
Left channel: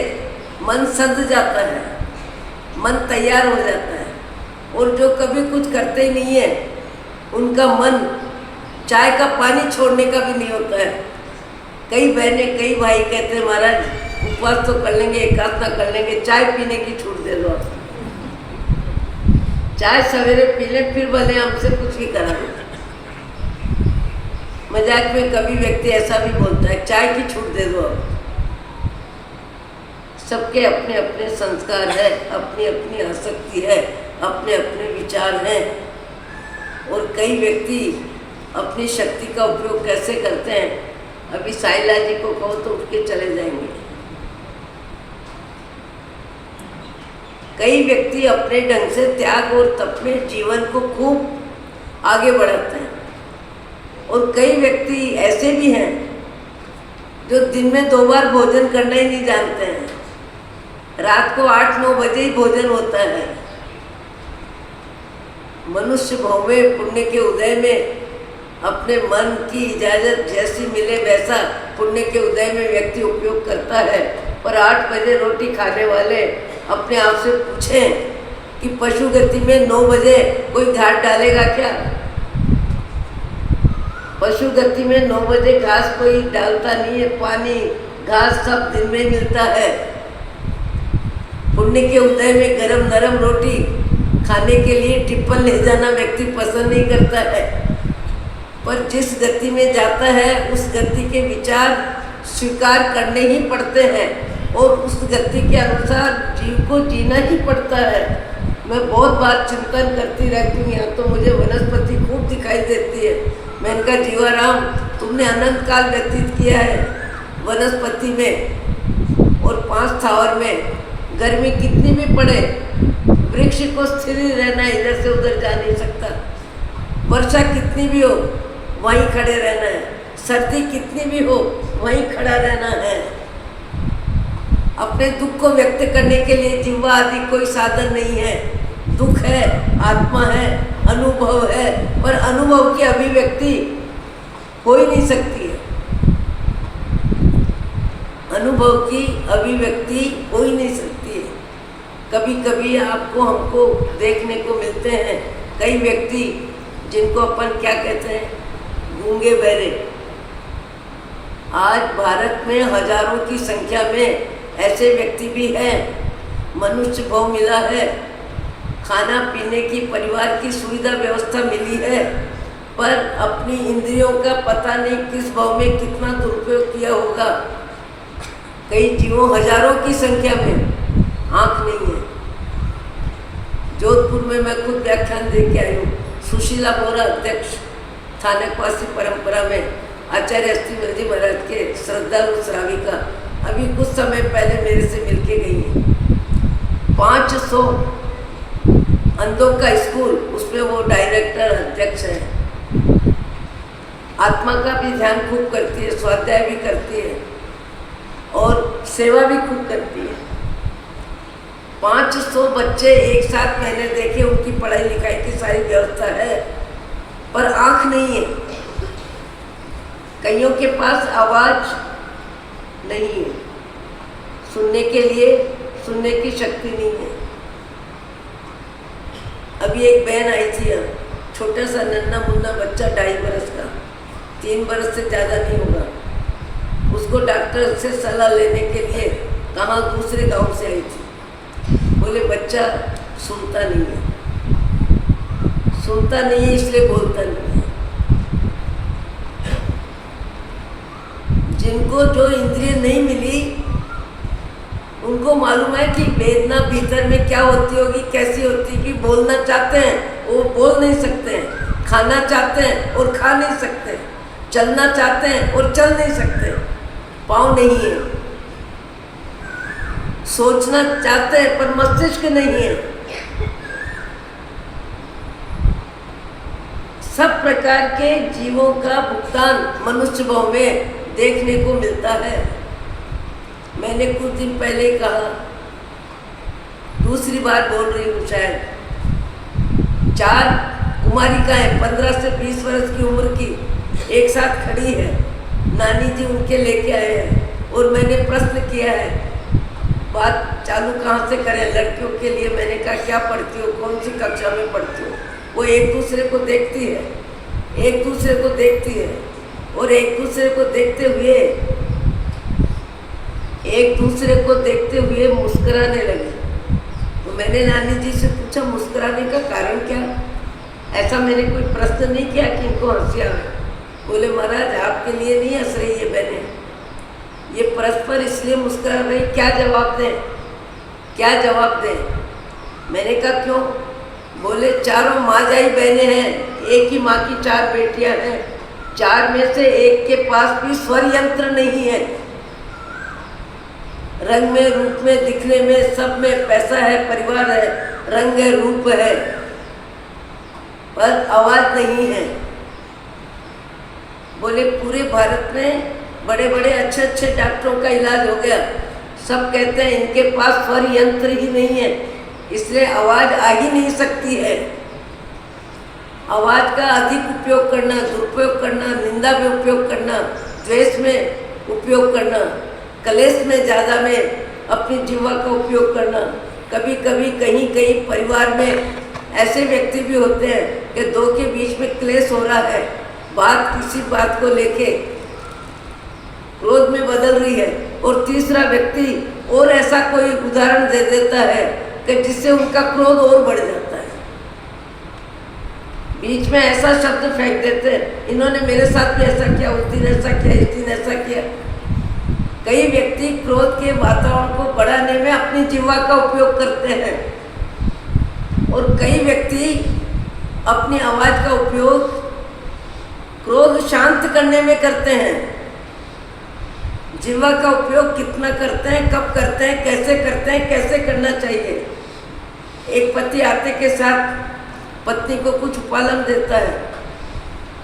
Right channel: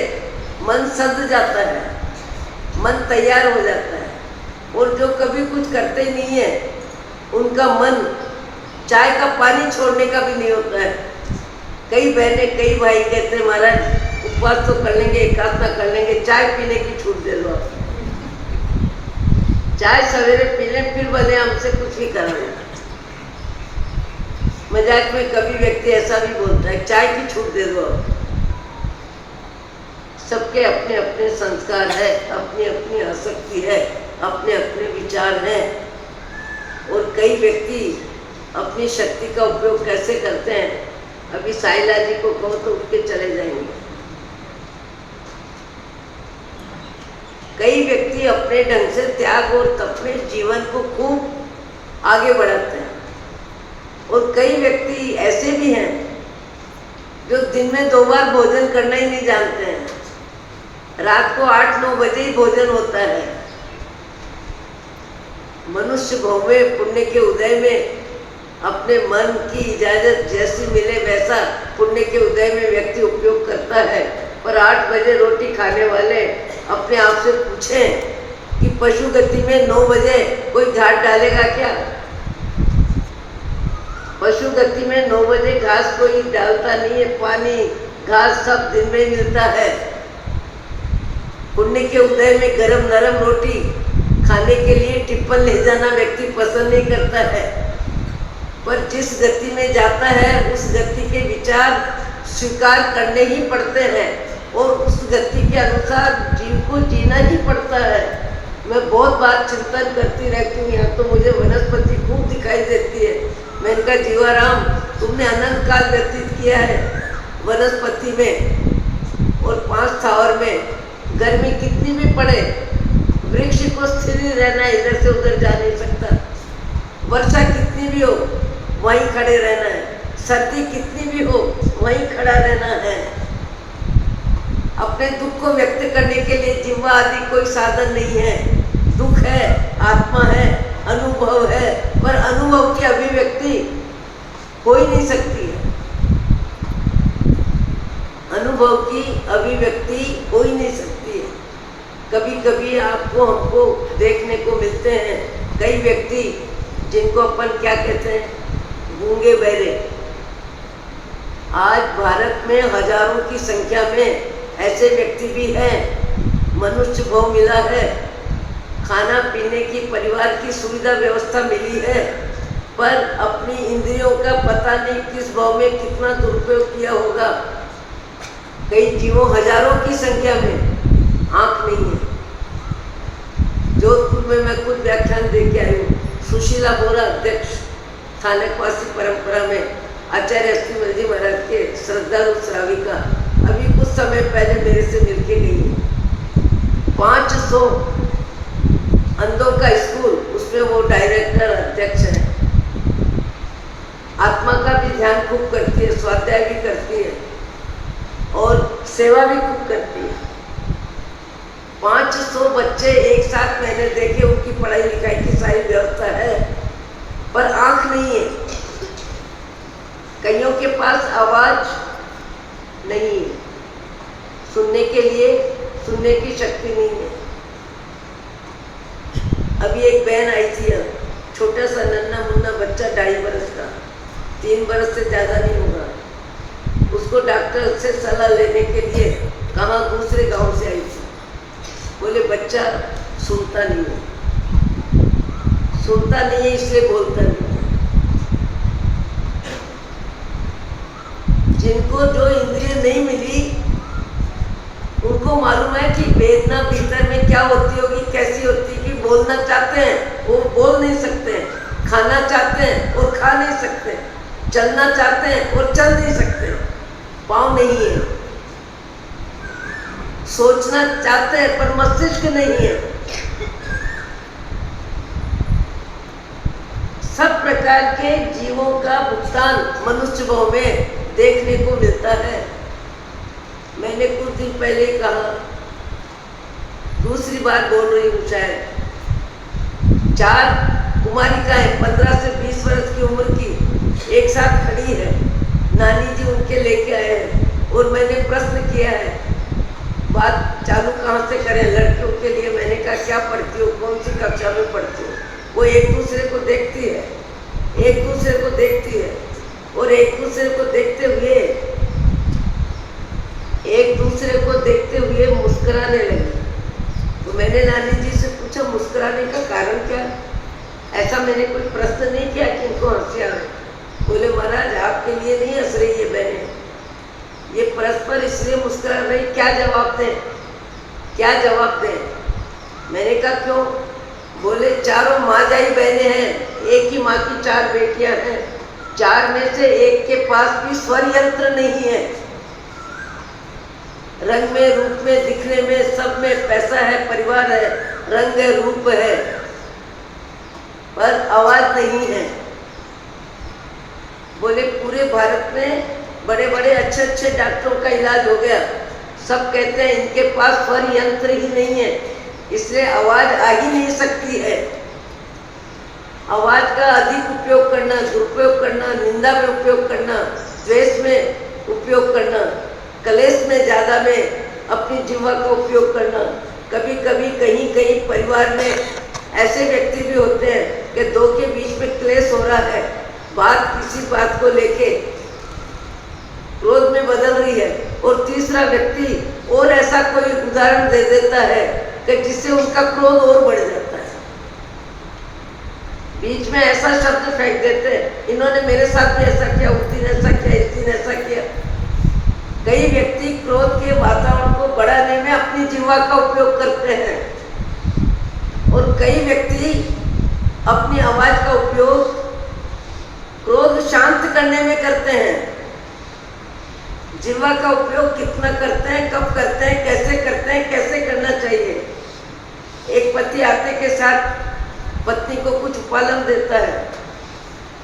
मन संध जाता है, मन तैयार हो जाता है। और जो कभी कुछ करते ही नहीं है, उनका मन चाय का पानी छोड़ने का भी नहीं होता है। कई बहनें कई भाई कहते हैं महाराज उपवास तो कर लेंगे, एकादशा कर लेंगे, चाय पीने की छूट दे दो। चाय सवेरे पी लें, फिर भले हमसे कुछ भी कराना। मजाक में कभी व्यक्ति ऐसा भी बोलता है चाय की छूट दे दो। सबके अपने अपने संस्कार है, अपनी अपनी आसक्ति है, अपने अपने विचार हैं। और कई व्यक्ति अपनी शक्ति का उपयोग कैसे करते हैं, अभी साइला जी को कहो तो उठ के चले जाएंगे। कई व्यक्ति अपने ढंग से त्याग और तप में जीवन को खूब आगे बढ़ाते हैं। और कई व्यक्ति ऐसे भी हैं जो दिन में 2 बार भोजन करना ही नहीं जानते हैं। रात को 8-9 बजे ही भोजन होता है। मनुष्य भाव में पुण्य के उदय में अपने मन की इजाजत जैसी मिले वैसा पुण्य के उदय में व्यक्ति उपयोग करता है। पर 8 बजे रोटी खाने वाले अपने आप से पूछें कि पशु गति में 9 बजे कोई घाट डालेगा क्या? पशु गति में 9 बजे घास कोई डालता नहीं है। पानी घास सब दिन में मिलता है। पुण्य के उदय में गरम नरम रोटी खाने के लिए टिप्पण ले जाना व्यक्ति पसंद नहीं करता है। पर जिस गति में जाता है उस गति के विचार स्वीकार करने ही पड़ते हैं और उस गति के अनुसार जीव को जीना ही पड़ता है। मैं बहुत बार चिंतन करती रहती हूँ। यहाँ तो मुझे वनस्पति खूब दिखाई देती है। मैंने कहा जीवाराम, तुमने अनंत काल व्यतीत किया है वनस्पति में और 5 स्थावर में। गर्मी कितनी भी पड़े, वृक्ष को स्थिर ही रहना है, इधर से उधर जा नहीं सकता। वर्षा कितनी भी हो वहीं खड़े रहना है। सर्दी कितनी भी हो वहीं खड़ा रहना है। अपने दुख को व्यक्त करने के लिए जिह्वा आदि कोई साधन नहीं है। दुख है, आत्मा है, अनुभव है, पर अनुभव की अभिव्यक्ति हो ही नहीं सकती है। अनुभव की अभिव्यक्ति हो ही नहीं सकती है। कभी कभी आपको हमको देखने को मिलते हैं कई व्यक्ति जिनको अपन क्या कहते हैं, गूंगे बहरे। आज भारत में हजारों की संख्या में ऐसे व्यक्ति भी हैं। मनुष्य भाव मिला है, खाना पीने की, परिवार की सुविधा व्यवस्था मिली है, पर अपनी इंद्रियों का पता नहीं किस भाव में कितना दुरुपयोग किया होगा। कई जीवों हजारों की संख्या में आँख नहीं है। जोधपुर में मैं खुद व्याख्यान दे के आई हूँ। सुशीला बोरा अध्यक्ष स्थानकवासी परंपरा में आचार्य अस्थिमल जी महाराज के श्रद्धालु श्राविका अभी कुछ समय पहले मेरे से मिलके गई है। 500 अंधों का स्कूल, उसमें वो डायरेक्टर अध्यक्ष है। आत्मा का भी ध्यान खूब करती है, स्वाध्याय भी करती है और सेवा भी खूब करती है। 500 बच्चे एक साथ मैंने देखे, उनकी पढ़ाई लिखाई की सारी व्यवस्था है, पर आँख नहीं है। कईयों के पास आवाज नहीं है, सुनने के लिए सुनने की शक्ति नहीं है। अभी एक बहन आई थी, छोटा सा नन्ना मुन्ना बच्चा, 2.5 बरस का, 3 बरस से ज़्यादा नहीं होगा। उसको डॉक्टर से सलाह लेने के लिए कहाँ दूसरे गांव से आई थी। बोले बच्चा सुनता नहीं है, सुनता नहीं है इसलिए बोलता नहीं है। जिनको जो इंद्रिय नहीं मिली उनको मालूम है कि वेदना भीतर में क्या होती होगी, कैसी होती है। कि बोलना चाहते हैं वो बोल नहीं सकते हैं, खाना चाहते हैं और खा नहीं सकते, चलना चाहते हैं और चल नहीं सकते, पाँव नहीं है। सोचना चाहते हैं पर मस्तिष्क नहीं है। सब प्रकार के जीवों का भुगतान मनुष्य भाव में देखने को मिलता है। मैंने कुछ दिन पहले कहा, दूसरी बार बोल रही हूँ शायद। 4 कुमारिकाएं 15 से 20 वर्ष की उम्र की एक साथ खड़ी है। नानी जी उनके लेके आए हैं और मैंने प्रश्न किया है, बात चालू कहाँ से करें लड़कियों के लिए। मैंने कहा क्या पढ़ती हो, कौन सी कक्षा में पढ़ती हो। वो एक दूसरे को देखती है, एक दूसरे को देखती है और एक दूसरे को देखते हुए मुस्कुराने लगी। तो मैंने नानी जी से पूछा मुस्कुराने का कारण क्या। ऐसा मैंने कोई प्रश्न नहीं किया कि इनको हंसी आवे। बोले महाराज आपके लिए नहीं हंस रही है बहने, ये परस्पर इसलिए मुस्कुरा रही। क्या जवाब दें, क्या जवाब दें। मैंने कहा क्यों। बोले चारों माँजाई बहनें हैं, एक ही माँ की 4 बेटियां हैं। 4 में से एक के पास भी स्वर यंत्र नहीं है। रंग में, रूप में, दिखने में, सब में पैसा है, परिवार है, रंग है, रूप है, पर आवाज नहीं है। बोले पूरे भारत में बड़े बड़े अच्छे अच्छे डॉक्टरों का इलाज हो गया, सब कहते हैं इनके पास स्वर यंत्र ही नहीं है, इसलिए आवाज आ ही नहीं सकती है। आवाज का अधिक उपयोग करना, दुरुपयोग करना, निंदा में उपयोग करना, द्वेष में उपयोग करना, कलेश में ज़्यादा में अपनी जीवा का उपयोग करना। कभी कभी कहीं कहीं परिवार में ऐसे व्यक्ति भी होते हैं कि दो के बीच में क्लेश हो रहा है, बात किसी बात को लेके क्रोध में बदल रही है, और तीसरा व्यक्ति और ऐसा कोई उदाहरण दे देता है कि जिससे उनका क्रोध और बढ़ जाता है। बीच में ऐसा शब्द फेंक देते हैं, इन्होंने मेरे साथ भी ऐसा किया, उस दिन ऐसा किया, इस दिन ऐसा किया। कई व्यक्ति क्रोध के वातावरण को बढ़ाने में अपनी जीवा का उपयोग करते हैं, और कई व्यक्ति अपनी आवाज का उपयोग क्रोध शांत करने में करते हैं। जीवा का उपयोग कितना करते हैं, कब करते हैं, कैसे करना चाहिए। एक पति आते के साथ पत्नी को कुछ उपलम देता है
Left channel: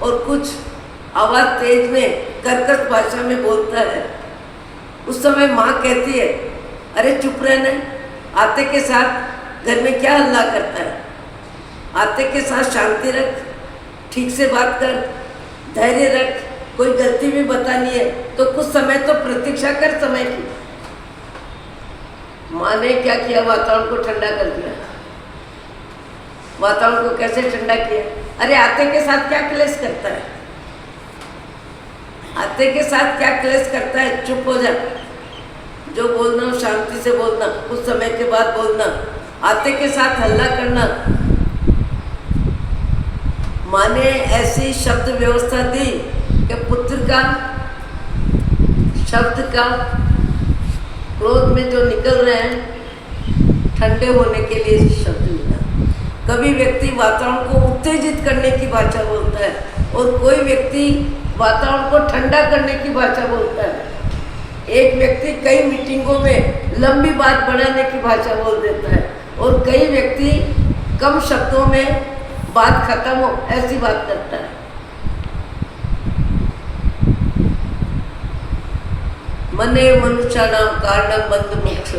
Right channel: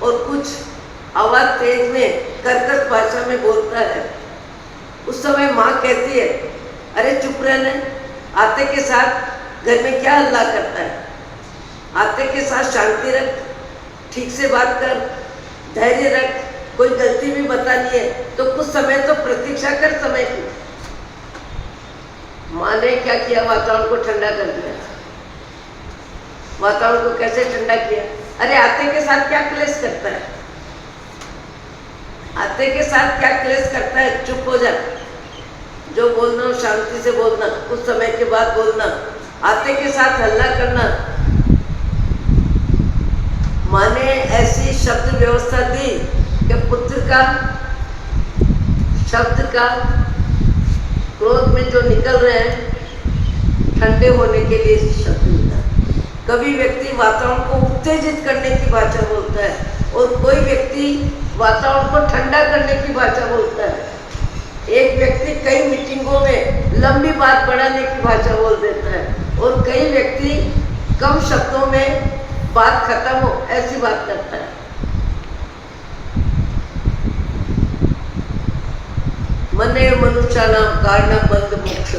और कुछ आवाज तेज में कर्कश भाषा में बोलता है। उस समय माँ कहती है, अरे चुप रहना, आते के साथ घर में क्या हल्ला करता है, आते के साथ शांति रख, ठीक से बात कर, धैर्य रख, कोई गलती भी बतानी है तो कुछ समय तो प्रतीक्षा कर समय की। माँ ने क्या किया, वातावरण को ठंडा कर दिया। वातावरण को कैसे ठंडा किया, अरे आते के साथ क्या क्लेश करता है, आते के साथ क्या क्लेश करता है, चुप हो जा, जो बोलना हो शांति से बोलना, कुछ समय के बाद बोलना, आते के साथ हल्ला करना। माँ ने ऐसी शब्द व्यवस्था दी कि पुत्र का शब्द का क्रोध में जो निकल रहे हैं ठंडे होने के लिए शब्द मिला। कभी व्यक्ति वातावरण को उत्तेजित करने की भाषा बोलता है, और कोई व्यक्ति वातावरण को ठंडा करने की भाषा बोलता है। एक व्यक्ति कई मीटिंगों में लंबी बात बढ़ाने की भाषा बोल देता है, और कई व्यक्ति कम शब्दों में बात खत्म हो ऐसी बात करता है। मने मनुष्याणां कारणं बंध मोक्ष।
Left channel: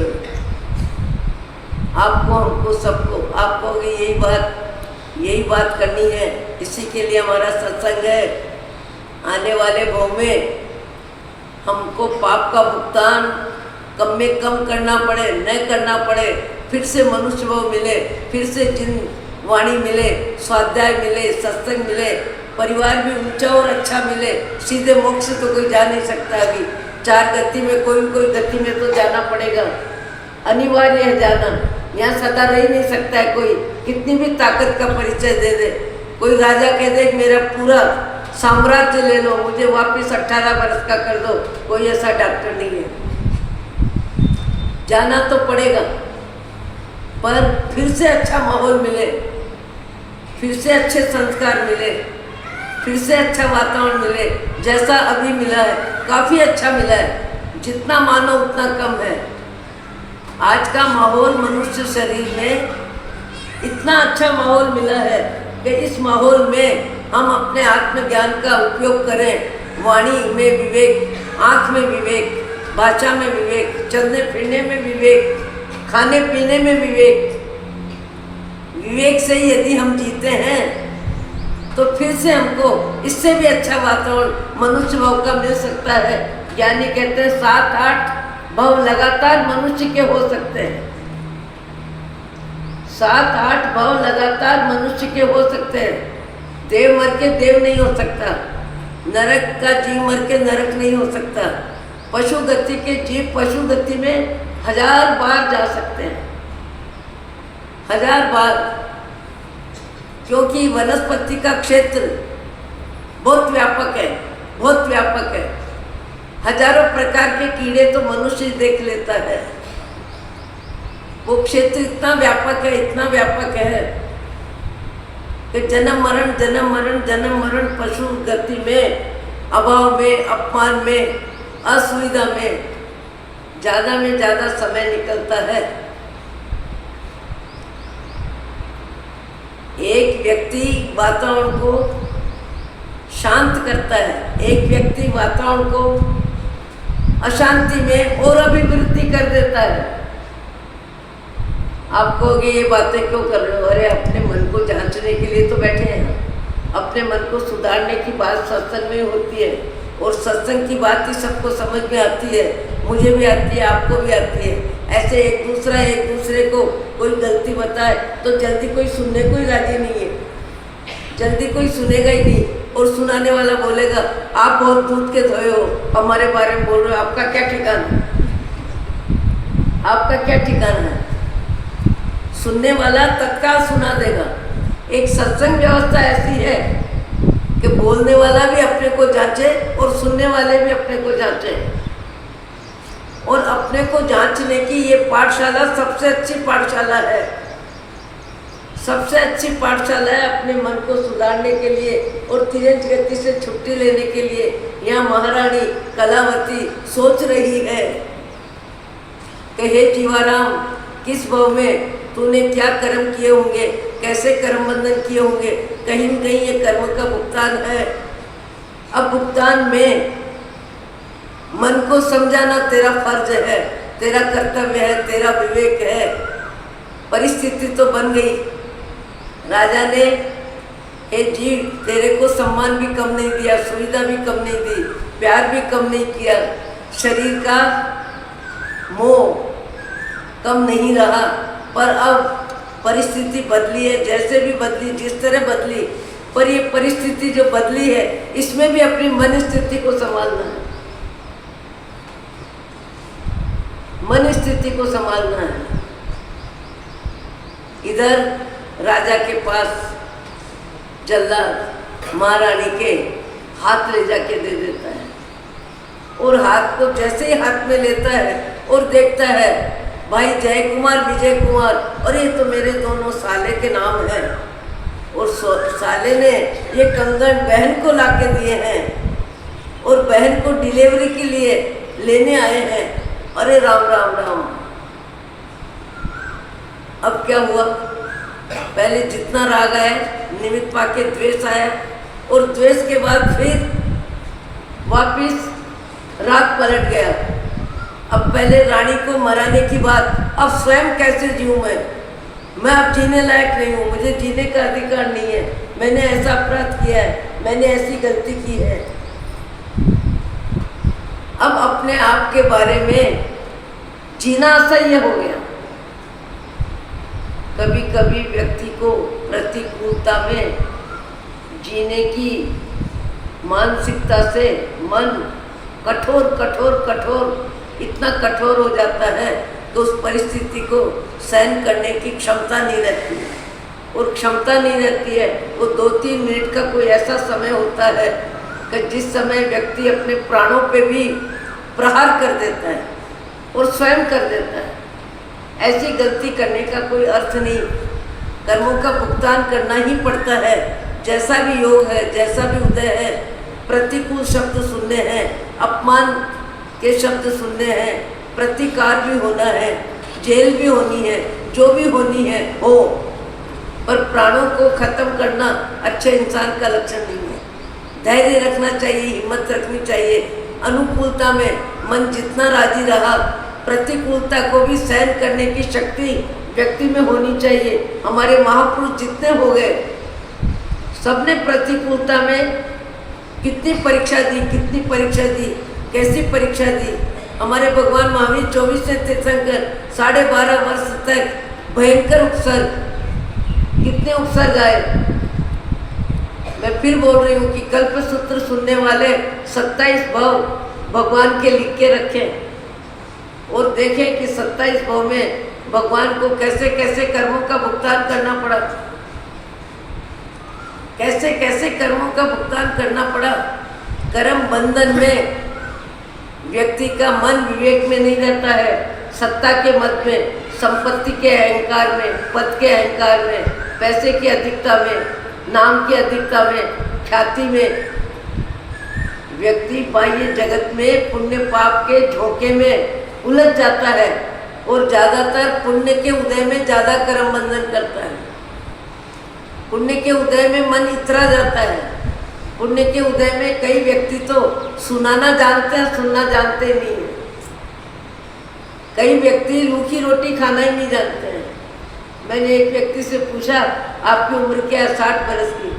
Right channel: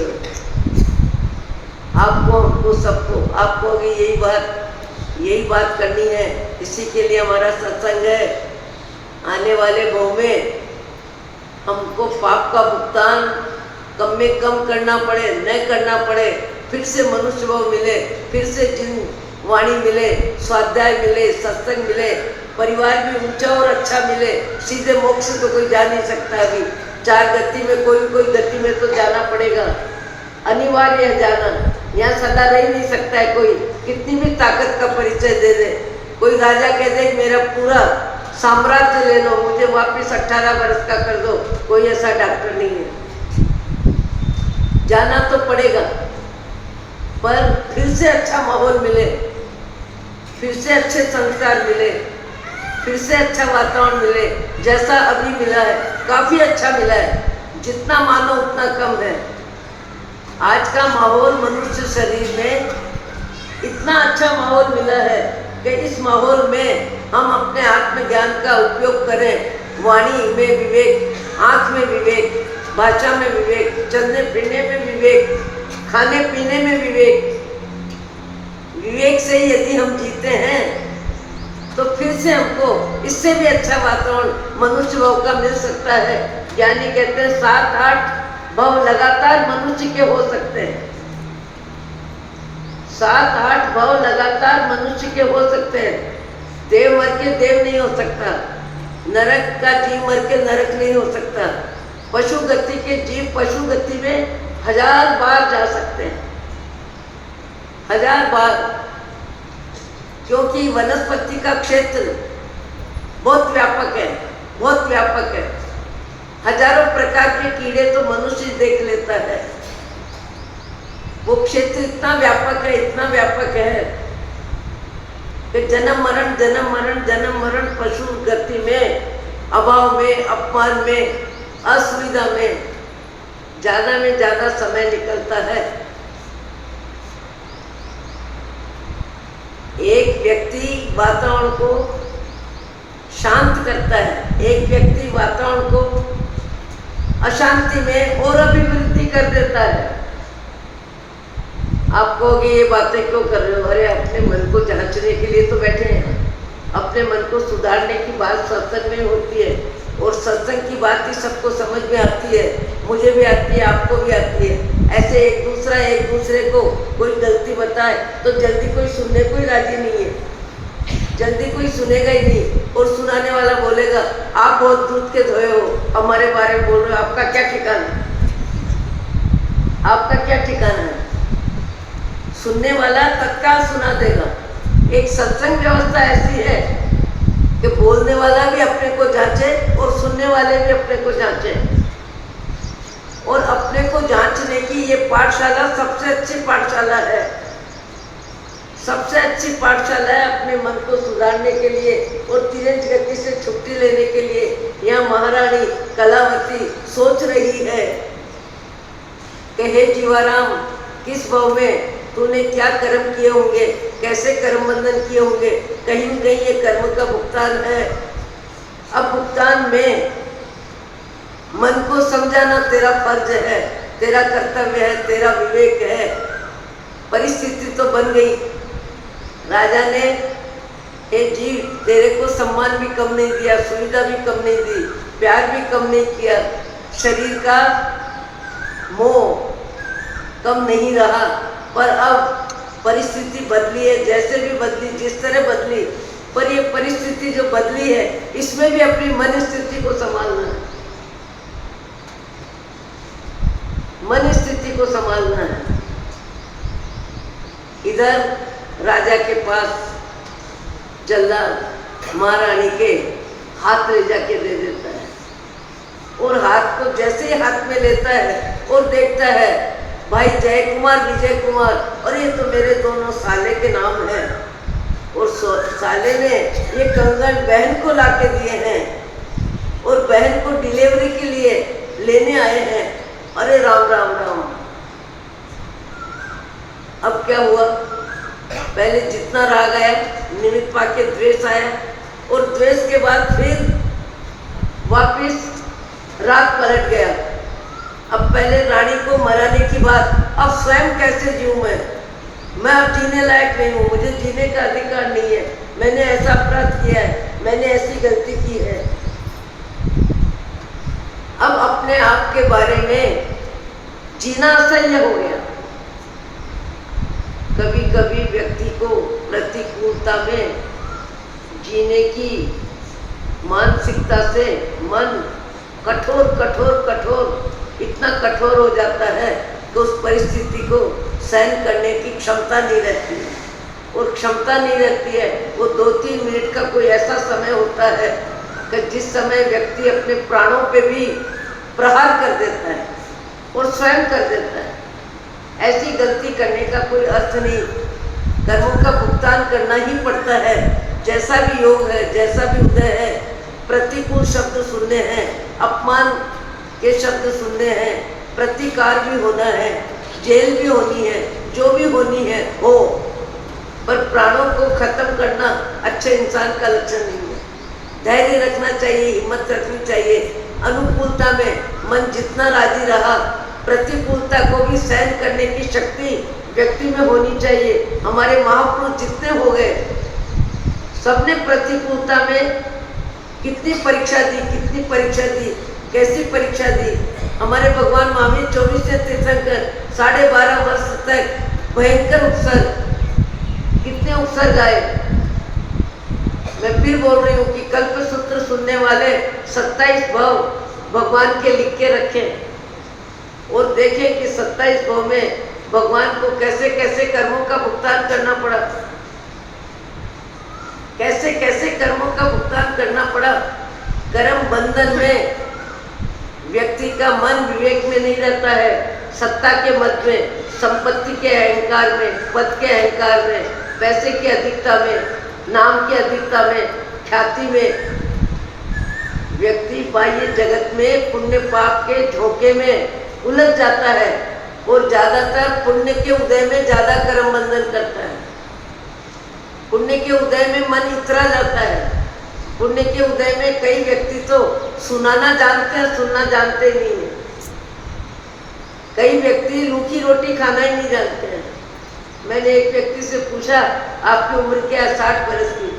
आपको, हमको, सबको, आपको यही बात करनी है। इसी के लिए हमारा सत्संग है। आने वाले भाव में हमको पाप का भुगतान कम में कम करना पड़े, न करना पड़े, फिर से मनुष्य भाव मिले, फिर से जिन वाणी मिले, स्वाध्याय मिले, सत्संग मिले, परिवार भी ऊंचा और अच्छा मिले। सीधे मोक्ष तो कोई जा नहीं सकता। अभी चार गति में कोई गति में तो जाना पड़ेगा, अनिवार्य है जाना। यहाँ सदा रह नहीं सकता है कोई, कितनी भी ताकत का परिचय दे दे। कोई राजा कह दे मेरा पूरा साम्राज्य ले लो, मुझे वापस 18 वर्ष का कर दो, कोई ऐसा डॉक्टर नहीं है। जाना तो पड़ेगा, पर फिर से अच्छा माहौल मिले, फिर से अच्छे संस्कार मिले, फिर से अच्छा वातावरण मिले। जैसा अभी मिला है काफ़ी अच्छा मिला है, जितना मानो उतना कम है। आज का माहौल मनुष्य शरीर में इतना अच्छा माहौल मिला है कि इस माहौल में हम अपने आत्म ज्ञान का उपयोग करें। वाणी में विवेक, आँख में विवेक, भाषा में विवेक, चलने फिरने में विवेक, खाने पीने में विवेक। विवेक से यदि हम जीते हैं तो फिर से हमको इससे भी अच्छा वातावरण मनुष्य भाव का मिल सकता है। ज्ञानी कहते हैं 7-8 भाव लगातार मनुष्य के हो सकते हैं। 7-8 भाव लगातार मनुष्य के हो सकते हैं। देव मर के देव नहीं हो सकता, नरक का जीव मर के नरक नहीं हो सकता। पशु गति के जीव पशु गति में 1000 बार जा सकते हैं, 1000 बार, क्योंकि वनस्पति का क्षेत्र बहुत व्यापक है, बहुत व्यापक है। हजारों प्रकार के कीड़े तो मनुष्य देख लेता है। वो क्षेत्र इतना व्यापक है, इतना व्यापक है कि जन्म मरण जन्म मरण जन्म मरण पशु गति में, अभाव में, अपमान में, असुविधा में ज़्यादा समय निकलता है। एक व्यक्ति वातावरण को शांत करता है, एक व्यक्ति वातावरण को अशांति में और अभिवृद्धि कर देता है। आप कहोगे ये बातें क्यों कर रहे हो? अरे अपने मन को जांचने के लिए तो बैठे हैं। अपने मन को सुधारने की बात सत्संग में होती है, और सत्संग की बात ही सबको समझ में आती है। मुझे भी आती है, आपको भी आती है। ऐसे एक दूसरे को कोई गलती बताए तो जल्दी कोई सुनने को ही राजी नहीं है, जल्दी कोई सुनेगा ही नहीं। और सुनाने वाला बोलेगा आप बहुत दूध के धोए हो, हमारे बारे में बोल रहे हो, आपका क्या ठिकाना, आपका क्या ठिकाना है? सुनने वाला तत्काल सुना देगा। एक सत्संग व्यवस्था ऐसी है कि बोलने वाला भी अपने को जांचे और सुनने वाले भी अपने को जांचे। और अपने को जांचने की ये पाठशाला सबसे अच्छी पाठशाला है, सबसे अच्छी पाठशाला है अपने मन को सुधारने के लिए और तेज गति से छुट्टी लेने के लिए। यहाँ महारानी कलावती सोच रही है कि हे जीवाराम, किस भाव में तूने क्या कर्म किए होंगे, कैसे कर्म बंधन किए होंगे, कहीं न कहीं ये कर्म का भुगतान है। अब भुगतान में मन को समझाना तेरा फर्ज है, तेरा कर्तव्य है, तेरा विवेक है। परिस्थिति तो बन गई, राजा ने हे जीव तेरे को सम्मान भी कम नहीं दिया, सुविधा भी कम नहीं दी, प्यार भी कम नहीं किया, शरीर का मोह कम नहीं रहा। पर अब परिस्थिति बदली है, जैसे भी बदली, जिस तरह बदली, पर ये परिस्थिति जो बदली है इसमें भी अपनी मन स्थिति को संभालना है, मन स्थिति को संभालना है। इधर राजा के पास जल्लाद महारानी के हाथ ले जाके दे देता है, और हाथ को जैसे ही हाथ में लेता है और देखता है भाई जय कुमार विजय कुमार, और ये तो मेरे दोनों साले के नाम हैं, और साले ने ये कंगन बहन को लाके दिए हैं और बहन को डिलीवरी के लिए लेने आए हैं। अरे राम राम राम। अब क्या हुआ? पहले जितना राग आया, निमित्त पाके द्वेष आया, और द्वेष के बाद फिर वापिस राग पलट गया। अब पहले रानी को मराने की बात, अब स्वयं कैसे जीऊं मैं अब जीने लायक नहीं हूँ, मुझे जीने का अधिकार नहीं है, मैंने ऐसा अपराध किया है, मैंने ऐसी गलती की है। अब अपने आप के बारे में जीना असह्य हो गया। कभी कभी व्यक्ति को प्रतिकूलता में जीने की मानसिकता से मन कठोर इतना कठोर हो जाता है कि उस परिस्थिति को सहन करने की क्षमता नहीं रहती है, और क्षमता नहीं रहती है। वो 2-3 मिनट का कोई ऐसा समय होता है कि जिस समय व्यक्ति अपने प्राणों पे भी प्रहार कर देता है और स्वयं कर देता है। ऐसी गलती करने का कोई अर्थ नहीं, कर्मों का भुगतान करना ही पड़ता है। जैसा भी योग है, जैसा भी उदय है, प्रतिकूल शब्द सुनने हैं, अपमान के शब्द सुनने हैं, प्रतिकार भी होना है, जेल भी होनी है, जो भी होनी है हो, पर प्राणों को खत्म करना अच्छे इंसान का लक्षण नहीं है। धैर्य रखना चाहिए, हिम्मत रखनी चाहिए। अनुकूलता में मन जितना राजी रहा, प्रतिकूलता को भी सहन करने की शक्ति व्यक्ति में होनी चाहिए। हमारे महापुरुष जितने हो गए, सबने प्रतिकूलता में कितनी परीक्षा दी, कैसी परीक्षा दी। हमारे भगवान महावीर 24 से तीर्थंकर 12.5 वर्ष तक भयंकर उपसर्ग, कितने उपसर्ग आए। मैं फिर बोल रही हूँ कि कल्पसूत्र सुनने वाले 27 भाव भगवान के लिख के रखें और देखें कि 27 भाव में भगवान को कैसे कैसे कर्मों का भुगतान करना पड़ा, कैसे कैसे कर्मों का भुगतान करना पड़ा। कर्म बंधन में व्यक्ति का मन विवेक में नहीं रहता है, सत्ता के मत में, संपत्ति के अहंकार में, पद के अहंकार में, पैसे की अधिकता में, नाम की अधिकता में, ख्याति में व्यक्ति बाह्य जगत में पुण्य पाप के झोंके में उलझ जाता है और ज़्यादातर पुण्य के उदय में ज़्यादा कर्म बंधन करता है। पुण्य के उदय में मन इतरा जाता है, पुण्य के उदय में कई व्यक्ति तो सुनाना जानते हैं, सुनना जानते नहीं है। कई व्यक्ति रूखी रोटी खाना ही नहीं जानते हैं। मैंने एक व्यक्ति से पूछा, आपकी उम्र क्या है? 60 बरस की।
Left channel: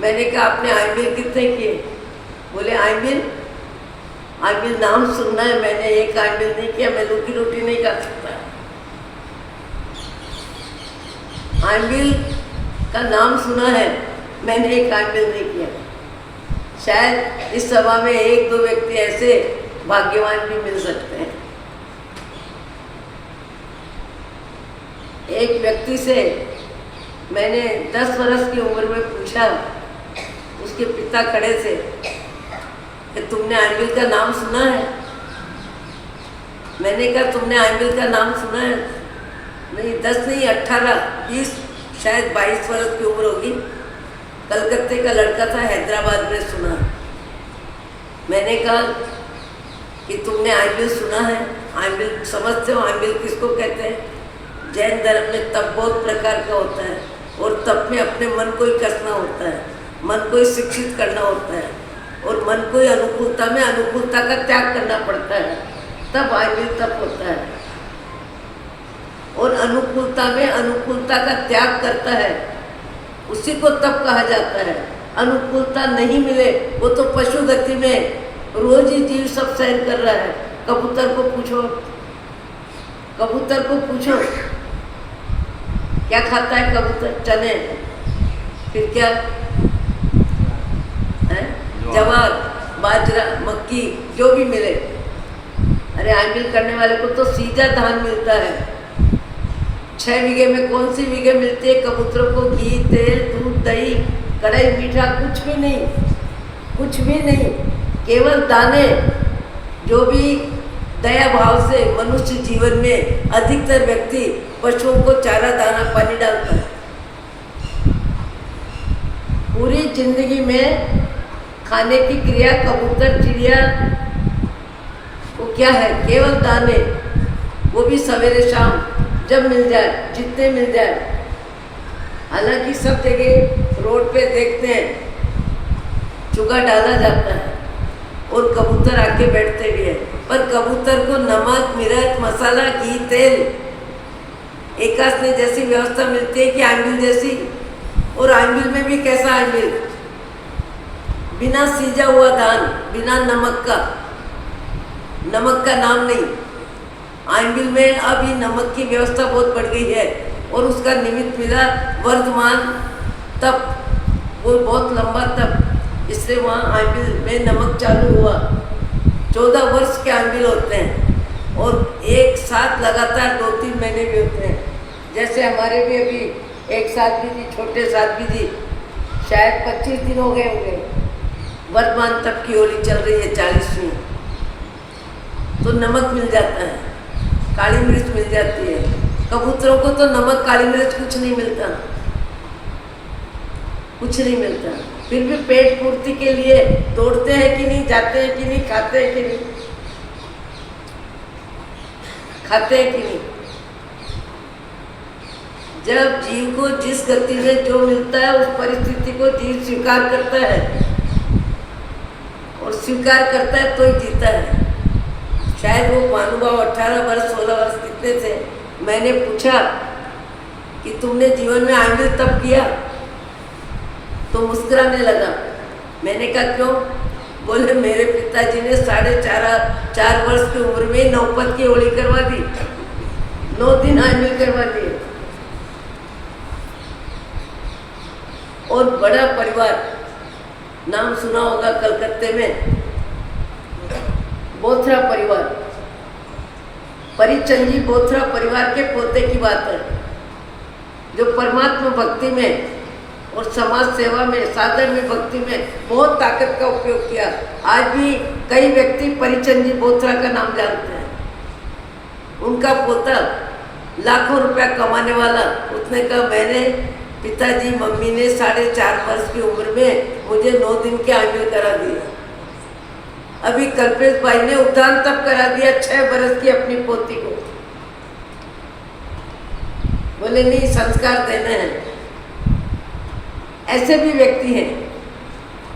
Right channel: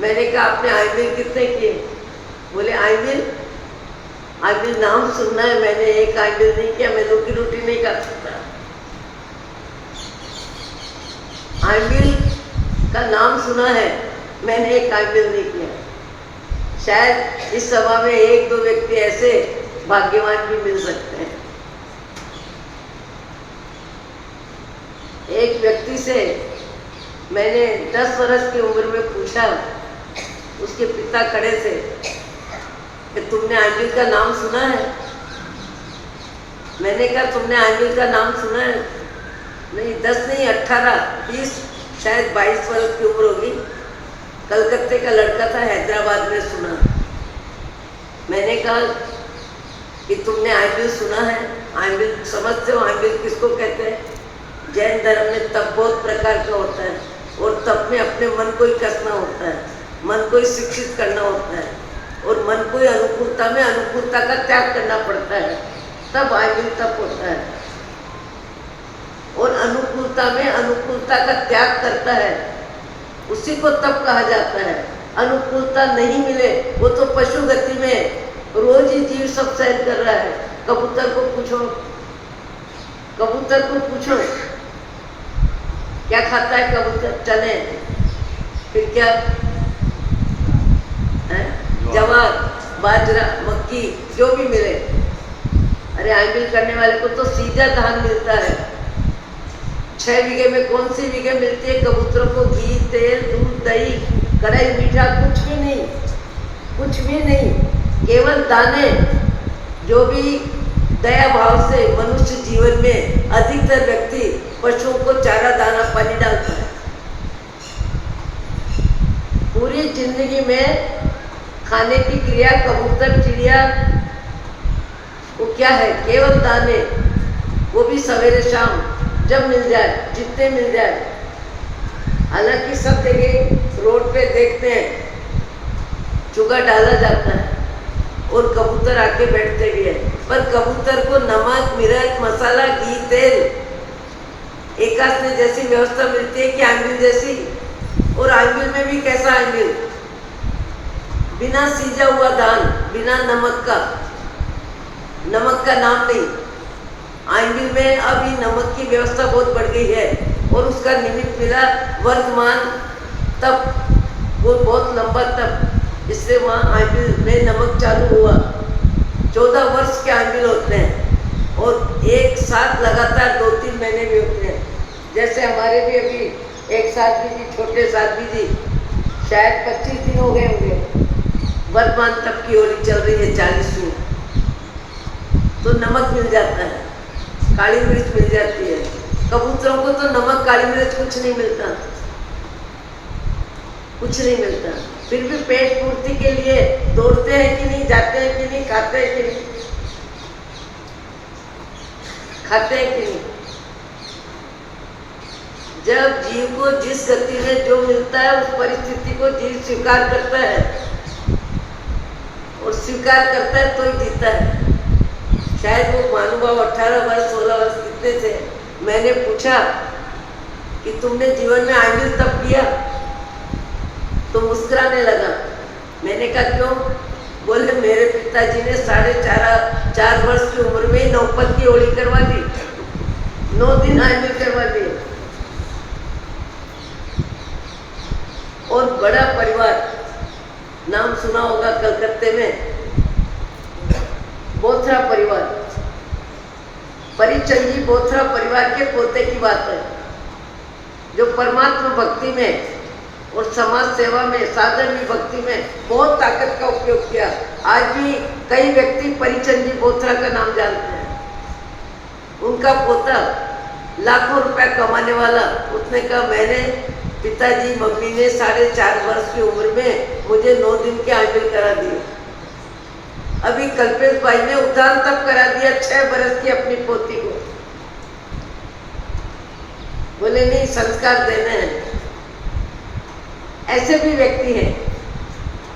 मैंने कहा, आपने आईमिल कितने किए? बोले आईमिल नाम सुनना है, मैंने एक आईमिल नहीं किया, मैं रूखी रोटी नहीं खा सकता। आईमिल का नाम सुना है, मैंने एक आईमिल नहीं किया। शायद इस सभा में 1-2 व्यक्ति ऐसे भाग्यवान भी मिल सकते हैं। एक व्यक्ति से मैंने 10 वर्ष की उम्र में पूछा, उसके पिता खड़े थे, कि तुमने आईमिल का नाम सुना है? मैंने कहा, तुमने आईमिल का नाम सुना है? नहीं, 10 नहीं, 18, 20, शायद 22 वर्ष की उम्र होगी। कलकत्ते का लड़का था, हैदराबाद में सुना। मैंने कहा कि तुमने आईमिल सुना है? आईमिल समझते हो? आईमिल किसको कहते हैं? जैन धर्म में तप बहुत प्रकार का होता है, और तप में अपने मन को ही कसना होता है, मन को ही शिक्षित करना होता है, और मन को ही अनुकूलता में अनुकूलता का त्याग करना पड़ता है, तब आईमिल तप होता है। और अनुकूलता में अनुकूलता का त्याग करता है, उसी को तप कहा जाता है। अनुकूलता नहीं मिले, वो तो पशु गति में रोज ही जीव सब सहन कर रहा है। कबूतर को पूछो क्या खाता है कबूतर? चने, फिर क्या है? जवार, बाजरा, मक्की, जो भी मिले। अरे आईमिल करने वाले को तो सीधा धान मिलता है। 6 बीघे में कौन सी बीघे मिलती है? कबूतरों को घी, तेल, दूध, दही, कढ़ाई, मीठा, कुछ भी नहीं, केवल दाने। जो भी दया भाव से मनुष्य जीवन में अधिकतर व्यक्ति पशुओं को चारा, दाना, पानी डालता है। पूरी जिंदगी में खाने की क्रिया कबूतर, चिड़िया वो क्या है? केवल दाने, वो भी सवेरे शाम जब मिल जाए, जितने मिल जाए। हालांकि सब जगह रोड पे देखते हैं चूगा डाला जाता है और कबूतर आके बैठते भी है, पर कबूतर को नमक, मिर्च, मसाला, घी, तेल एकास में जैसी व्यवस्था मिलती है कि आईमिल जैसी। और आईमिल में भी कैसा आईमिल? बिना सीजा हुआ धान, बिना नमक का नाम नहीं। आईमिल में अभी नमक की व्यवस्था बहुत बढ़ गई है, और उसका निमित्त मिला वर्तमान तप, वो बहुत लंबा तप, इसलिए वहाँ आईमिल में नमक चालू हुआ। 14 वर्ष के आईमिल होते हैं, और एक साथ लगातार 2-3 महीने भी होते हैं। जैसे हमारे भी अभी एक साथ भी थी, छोटे साथ भी थी, शायद 25 दिन हो गए होंगे। वर्तमान तप की होली चल रही है 40वीं, तो नमक मिल जाता है, काली मिर्च मिल जाती है। कबूतरों को तो नमक, काली मिर्च कुछ नहीं मिलता। फिर भी पेट पूर्ति के लिए दौड़ते हैं कि नहीं, जाते हैं कि नहीं, खाते हैं कि नहीं, जब जीव को जिस गति में जो मिलता है, उस परिस्थिति को जीव स्वीकार करता है, और स्वीकार करता है तो ही जीता है। शायद वो महानुभाव 18 वर्ष 16 वर्ष कितने थे, मैंने पूछा कि तुमने जीवन में आईमिल तप किया? तो मुस्कुराने लगा। मैंने कहा क्यों? बोले मेरे पिताजी ने 4.5 वर्ष की उम्र में नौपत की होली करवा दी, 9 दिन आईमिल करवा दिए। और बड़ा परिवार, नाम सुना होगा कलकत्ते में, बोथरा परिवार, परिचंजी बोथरा परिवार के पोते की बात है, जो परमात्मा भक्ति में और समाज सेवा में, साधन में, भक्ति में बहुत ताकत का उपयोग किया। आज भी कई व्यक्ति परिचंजी बोथरा का नाम जानते हैं। उनका पोता लाखों रुपया कमाने वाला, उसने कहा मैंने पिताजी मम्मी ने 4.5 वर्ष की उम्र में मुझे 9 दिन के आईमिल करा दिए। अभी कल्पेश भाई ने उद्यान तक करा दिया 6 वर्ष की अपनी पोती को। बोले नहीं, संस्कार देने हैं। ऐसे भी व्यक्ति हैं।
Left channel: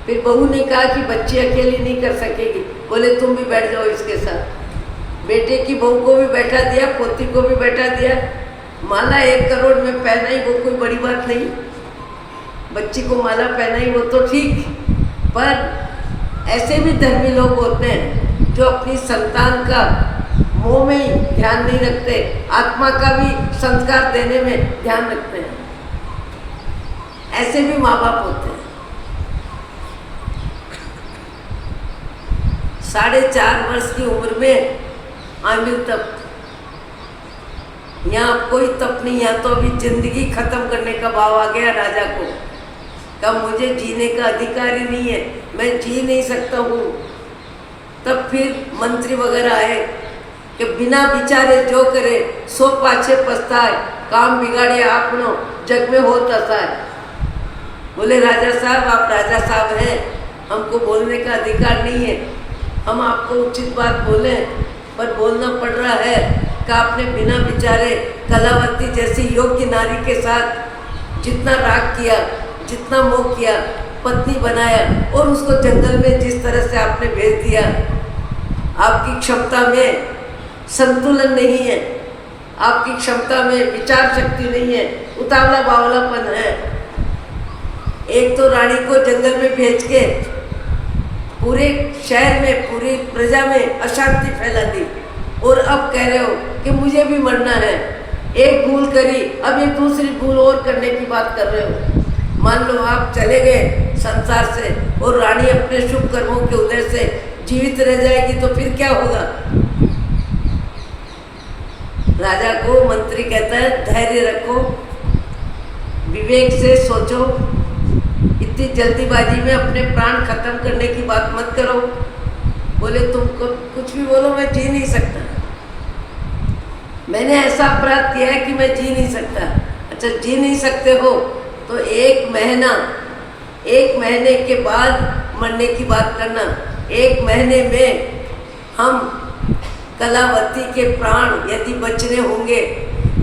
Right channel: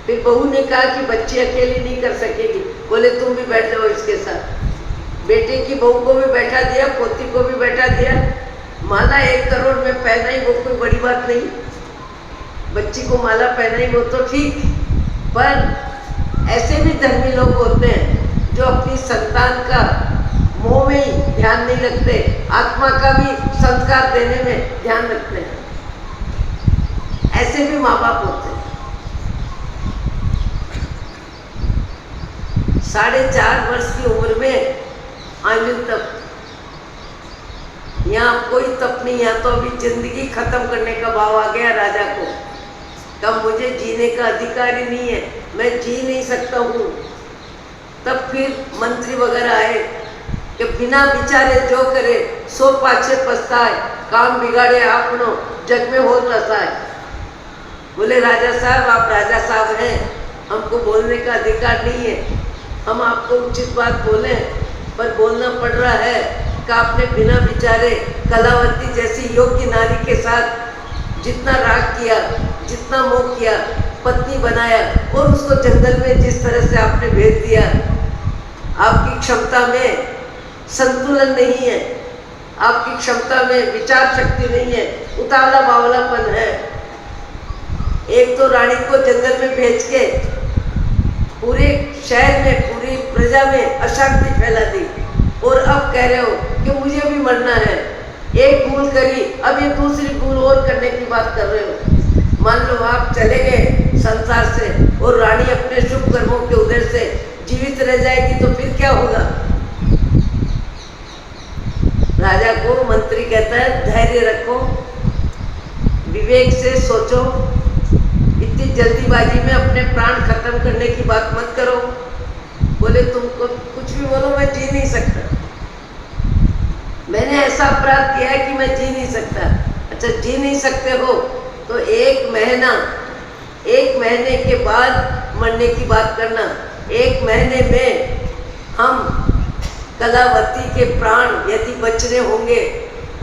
फिर बहू ने कहा कि बच्ची अकेली नहीं कर सकेगी, बोले तुम भी बैठ जाओ इसके साथ। बेटे की बहू को भी बैठा दिया, पोती को भी बैठा दिया। माला 1 करोड़ में पहनाई, वो कोई बड़ी बात नहीं। बच्ची को माला पहनाई वो तो ठीक, पर ऐसे भी धर्मी लोग होते हैं जो अपनी संतान का मोह में ही ध्यान नहीं रखते, आत्मा का भी संस्कार देने में ध्यान रखते हैं। ऐसे भी माँ बाप होते हैं। 4.5 वर्ष की उम्र में आमिर तप, यहाँ कोई तप नहीं, यहाँ तो अभी जिंदगी खत्म करने का भाव आ गया राजा को। कब मुझे जीने का अधिकार ही नहीं है, मैं जी नहीं सकता हूँ। तब फिर मंत्री वगैरह आए कि बिना विचारे जो करे सो पाछे पछताए, काम बिगाड़े आपनो जग में हो तसाए। बोले राजा साहब, आप राजा साहब हैं, हमको बोलने का अधिकार नहीं है। हम आपको उचित बात बोले, पर बोलना पड़ रहा है कि आपने बिना विचारे कलावती जैसी योग्य नारी के साथ जितना राग किया, जितना मोह किया, पत्नी बनाया और उसको जंगल में जिस तरह से आपने भेज दिया, आपकी क्षमता में संतुलन नहीं है, आपकी क्षमता में विचार शक्ति नहीं है, उतावला बावलापन है। एक तो रानी को जंगल में भेज के पूरे शहर में, पूरी प्रजा में अशांति फैला दी, और अब कह रहे हो कि मुझे भी मरना है। एक भूल करी, अब ये दूसरी भूल और करने की बात कर रहे हो। मान लो आप चले गए संसार से और रानी अपने शुभ कर्मों के उदय से जीवित रह जाएगी, तो फिर क्या होगा? राजा को मंत्री कहता है धैर्य रखो, विवेक से सोचो, इतनी जल्दीबाजी में अपने प्राण खत्म करने की बात मत करो। बोले तुमको कुछ भी बोलो, मैं जी नहीं सकता, मैंने ऐसा अपराध किया है कि मैं जी नहीं सकता। अच्छा, जी नहीं सकते हो तो 1 महीने के बाद मरने की बात करना। 1 महीने में हम कलावती के प्राण यदि बचने होंगे,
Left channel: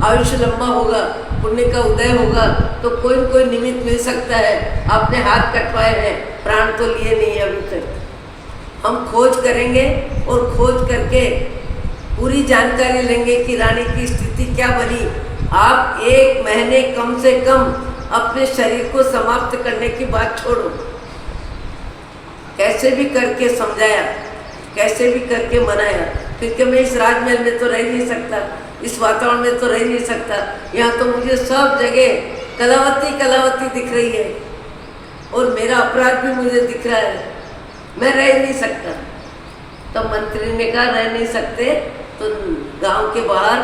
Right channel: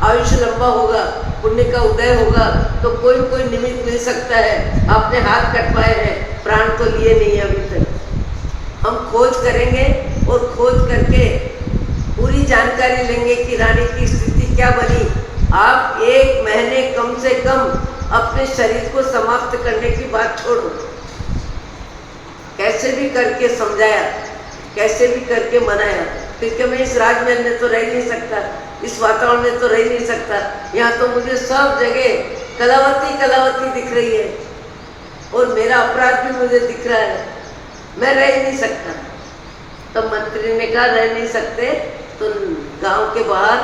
आयुष्य लंबा होगा, पुण्य का उदय होगा, तो कोई कोई निमित्त मिल सकता है। आपने हाथ कटवाए हैं, प्राण तो लिए नहीं अभी तक। हम खोज करेंगे और खोज करके पूरी जानकारी लेंगे कि रानी की स्थिति क्या बनी। आप 1 महीने कम से कम अपने शरीर को समाप्त करने की बात छोड़ो। कैसे भी करके समझाया, कैसे भी करके मनाया, क्योंकि मैं इस राजमहल में तो रह नहीं सकता, इस वातावरण में तो रह नहीं सकता। यहाँ तो मुझे सब जगह कलावती कलावती दिख रही है और मेरा अपराध भी मुझे दिख रहा है, मैं रह नहीं सकता। तब मंत्री ने कहा रह नहीं सकते तो गांव के बाहर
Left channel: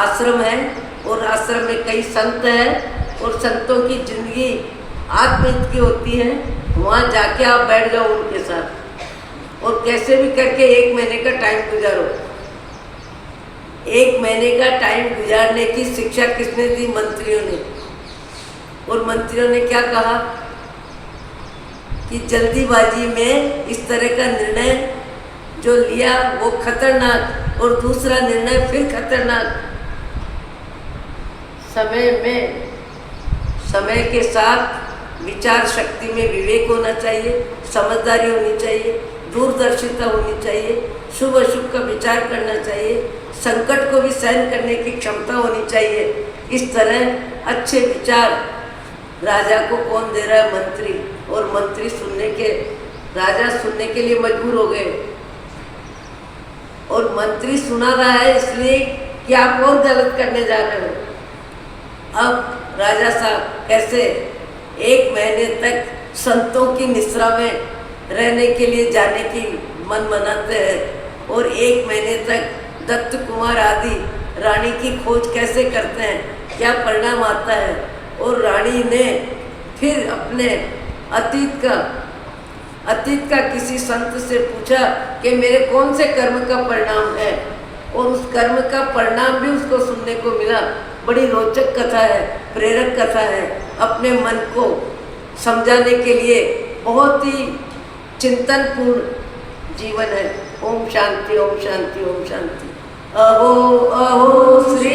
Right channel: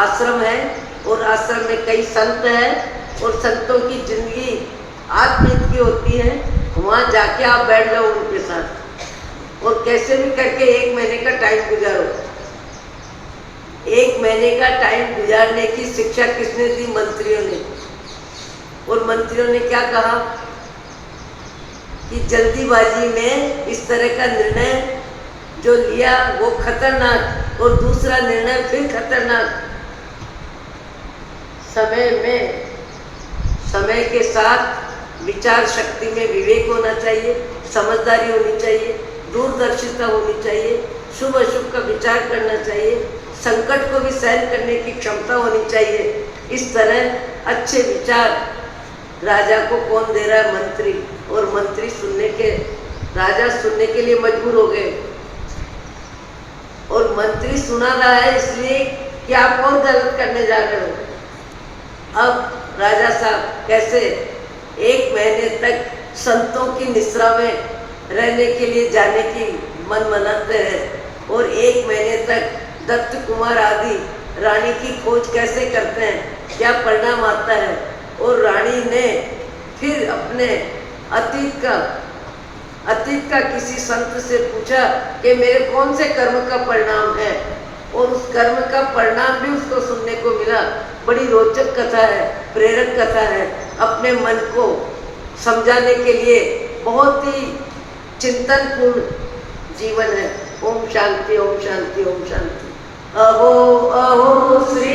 आश्रम है, और आश्रम में कई संत हैं, और संतों की जिंदगी आत्महित की होती है, वहाँ जाके आप बैठ जाओ उनके साथ और कैसे भी करके 1 महीने का टाइम गुजारो। 1 महीने का टाइम गुजारने की शिक्षा किसने दी? मंत्रियों ने। और मंत्रियों ने क्या कहा कि जल्दीबाजी में इस तरह का निर्णय जो लिया वो खतरनाक, और दूसरा निर्णय फिर खतरनाक। समय के साथ विचार शक्ति में विवेक होना चाहिए, समझदारी होनी चाहिए, दूरदर्शिता होनी चाहिए, शुभ अशुभ का विचार करना चाहिए, संकट को भी सहन करने की क्षमता होनी चाहिए। इस तरह अच्छे विचार राजा को कौन दे रहा है? मंत्री। और मंत्री राजा सुनने के लिए मजबूर हो गए, और मंत्री सुना रहा है इसलिए कि आप और गलत करने जा रहे हो। अब राजा साहब कैसे 1 महीने तक संतों की निश्रा में रहने के लिए जाने की मन मनाते हैं, और 1 महीने तक दत्त कुमार आदि रानी की खोज कैसे करते हैं, क्या परिणाम आता है। और रानी ने फिर अपने अतीत का किसी संत से पूछा कि मेरे कौन से कर्म का परिणाम है, और उस कर्म का परिणाम भी उसको सुनने को मिला। बड़ी रोचक कथा है, प्रेरक कथा है, अपने मन को समझाने के लिए बहुत ही चिंतनपूर्ण जीवन है। ओम शांति, ओम शांति, ओम शांति। अहो अहो श्री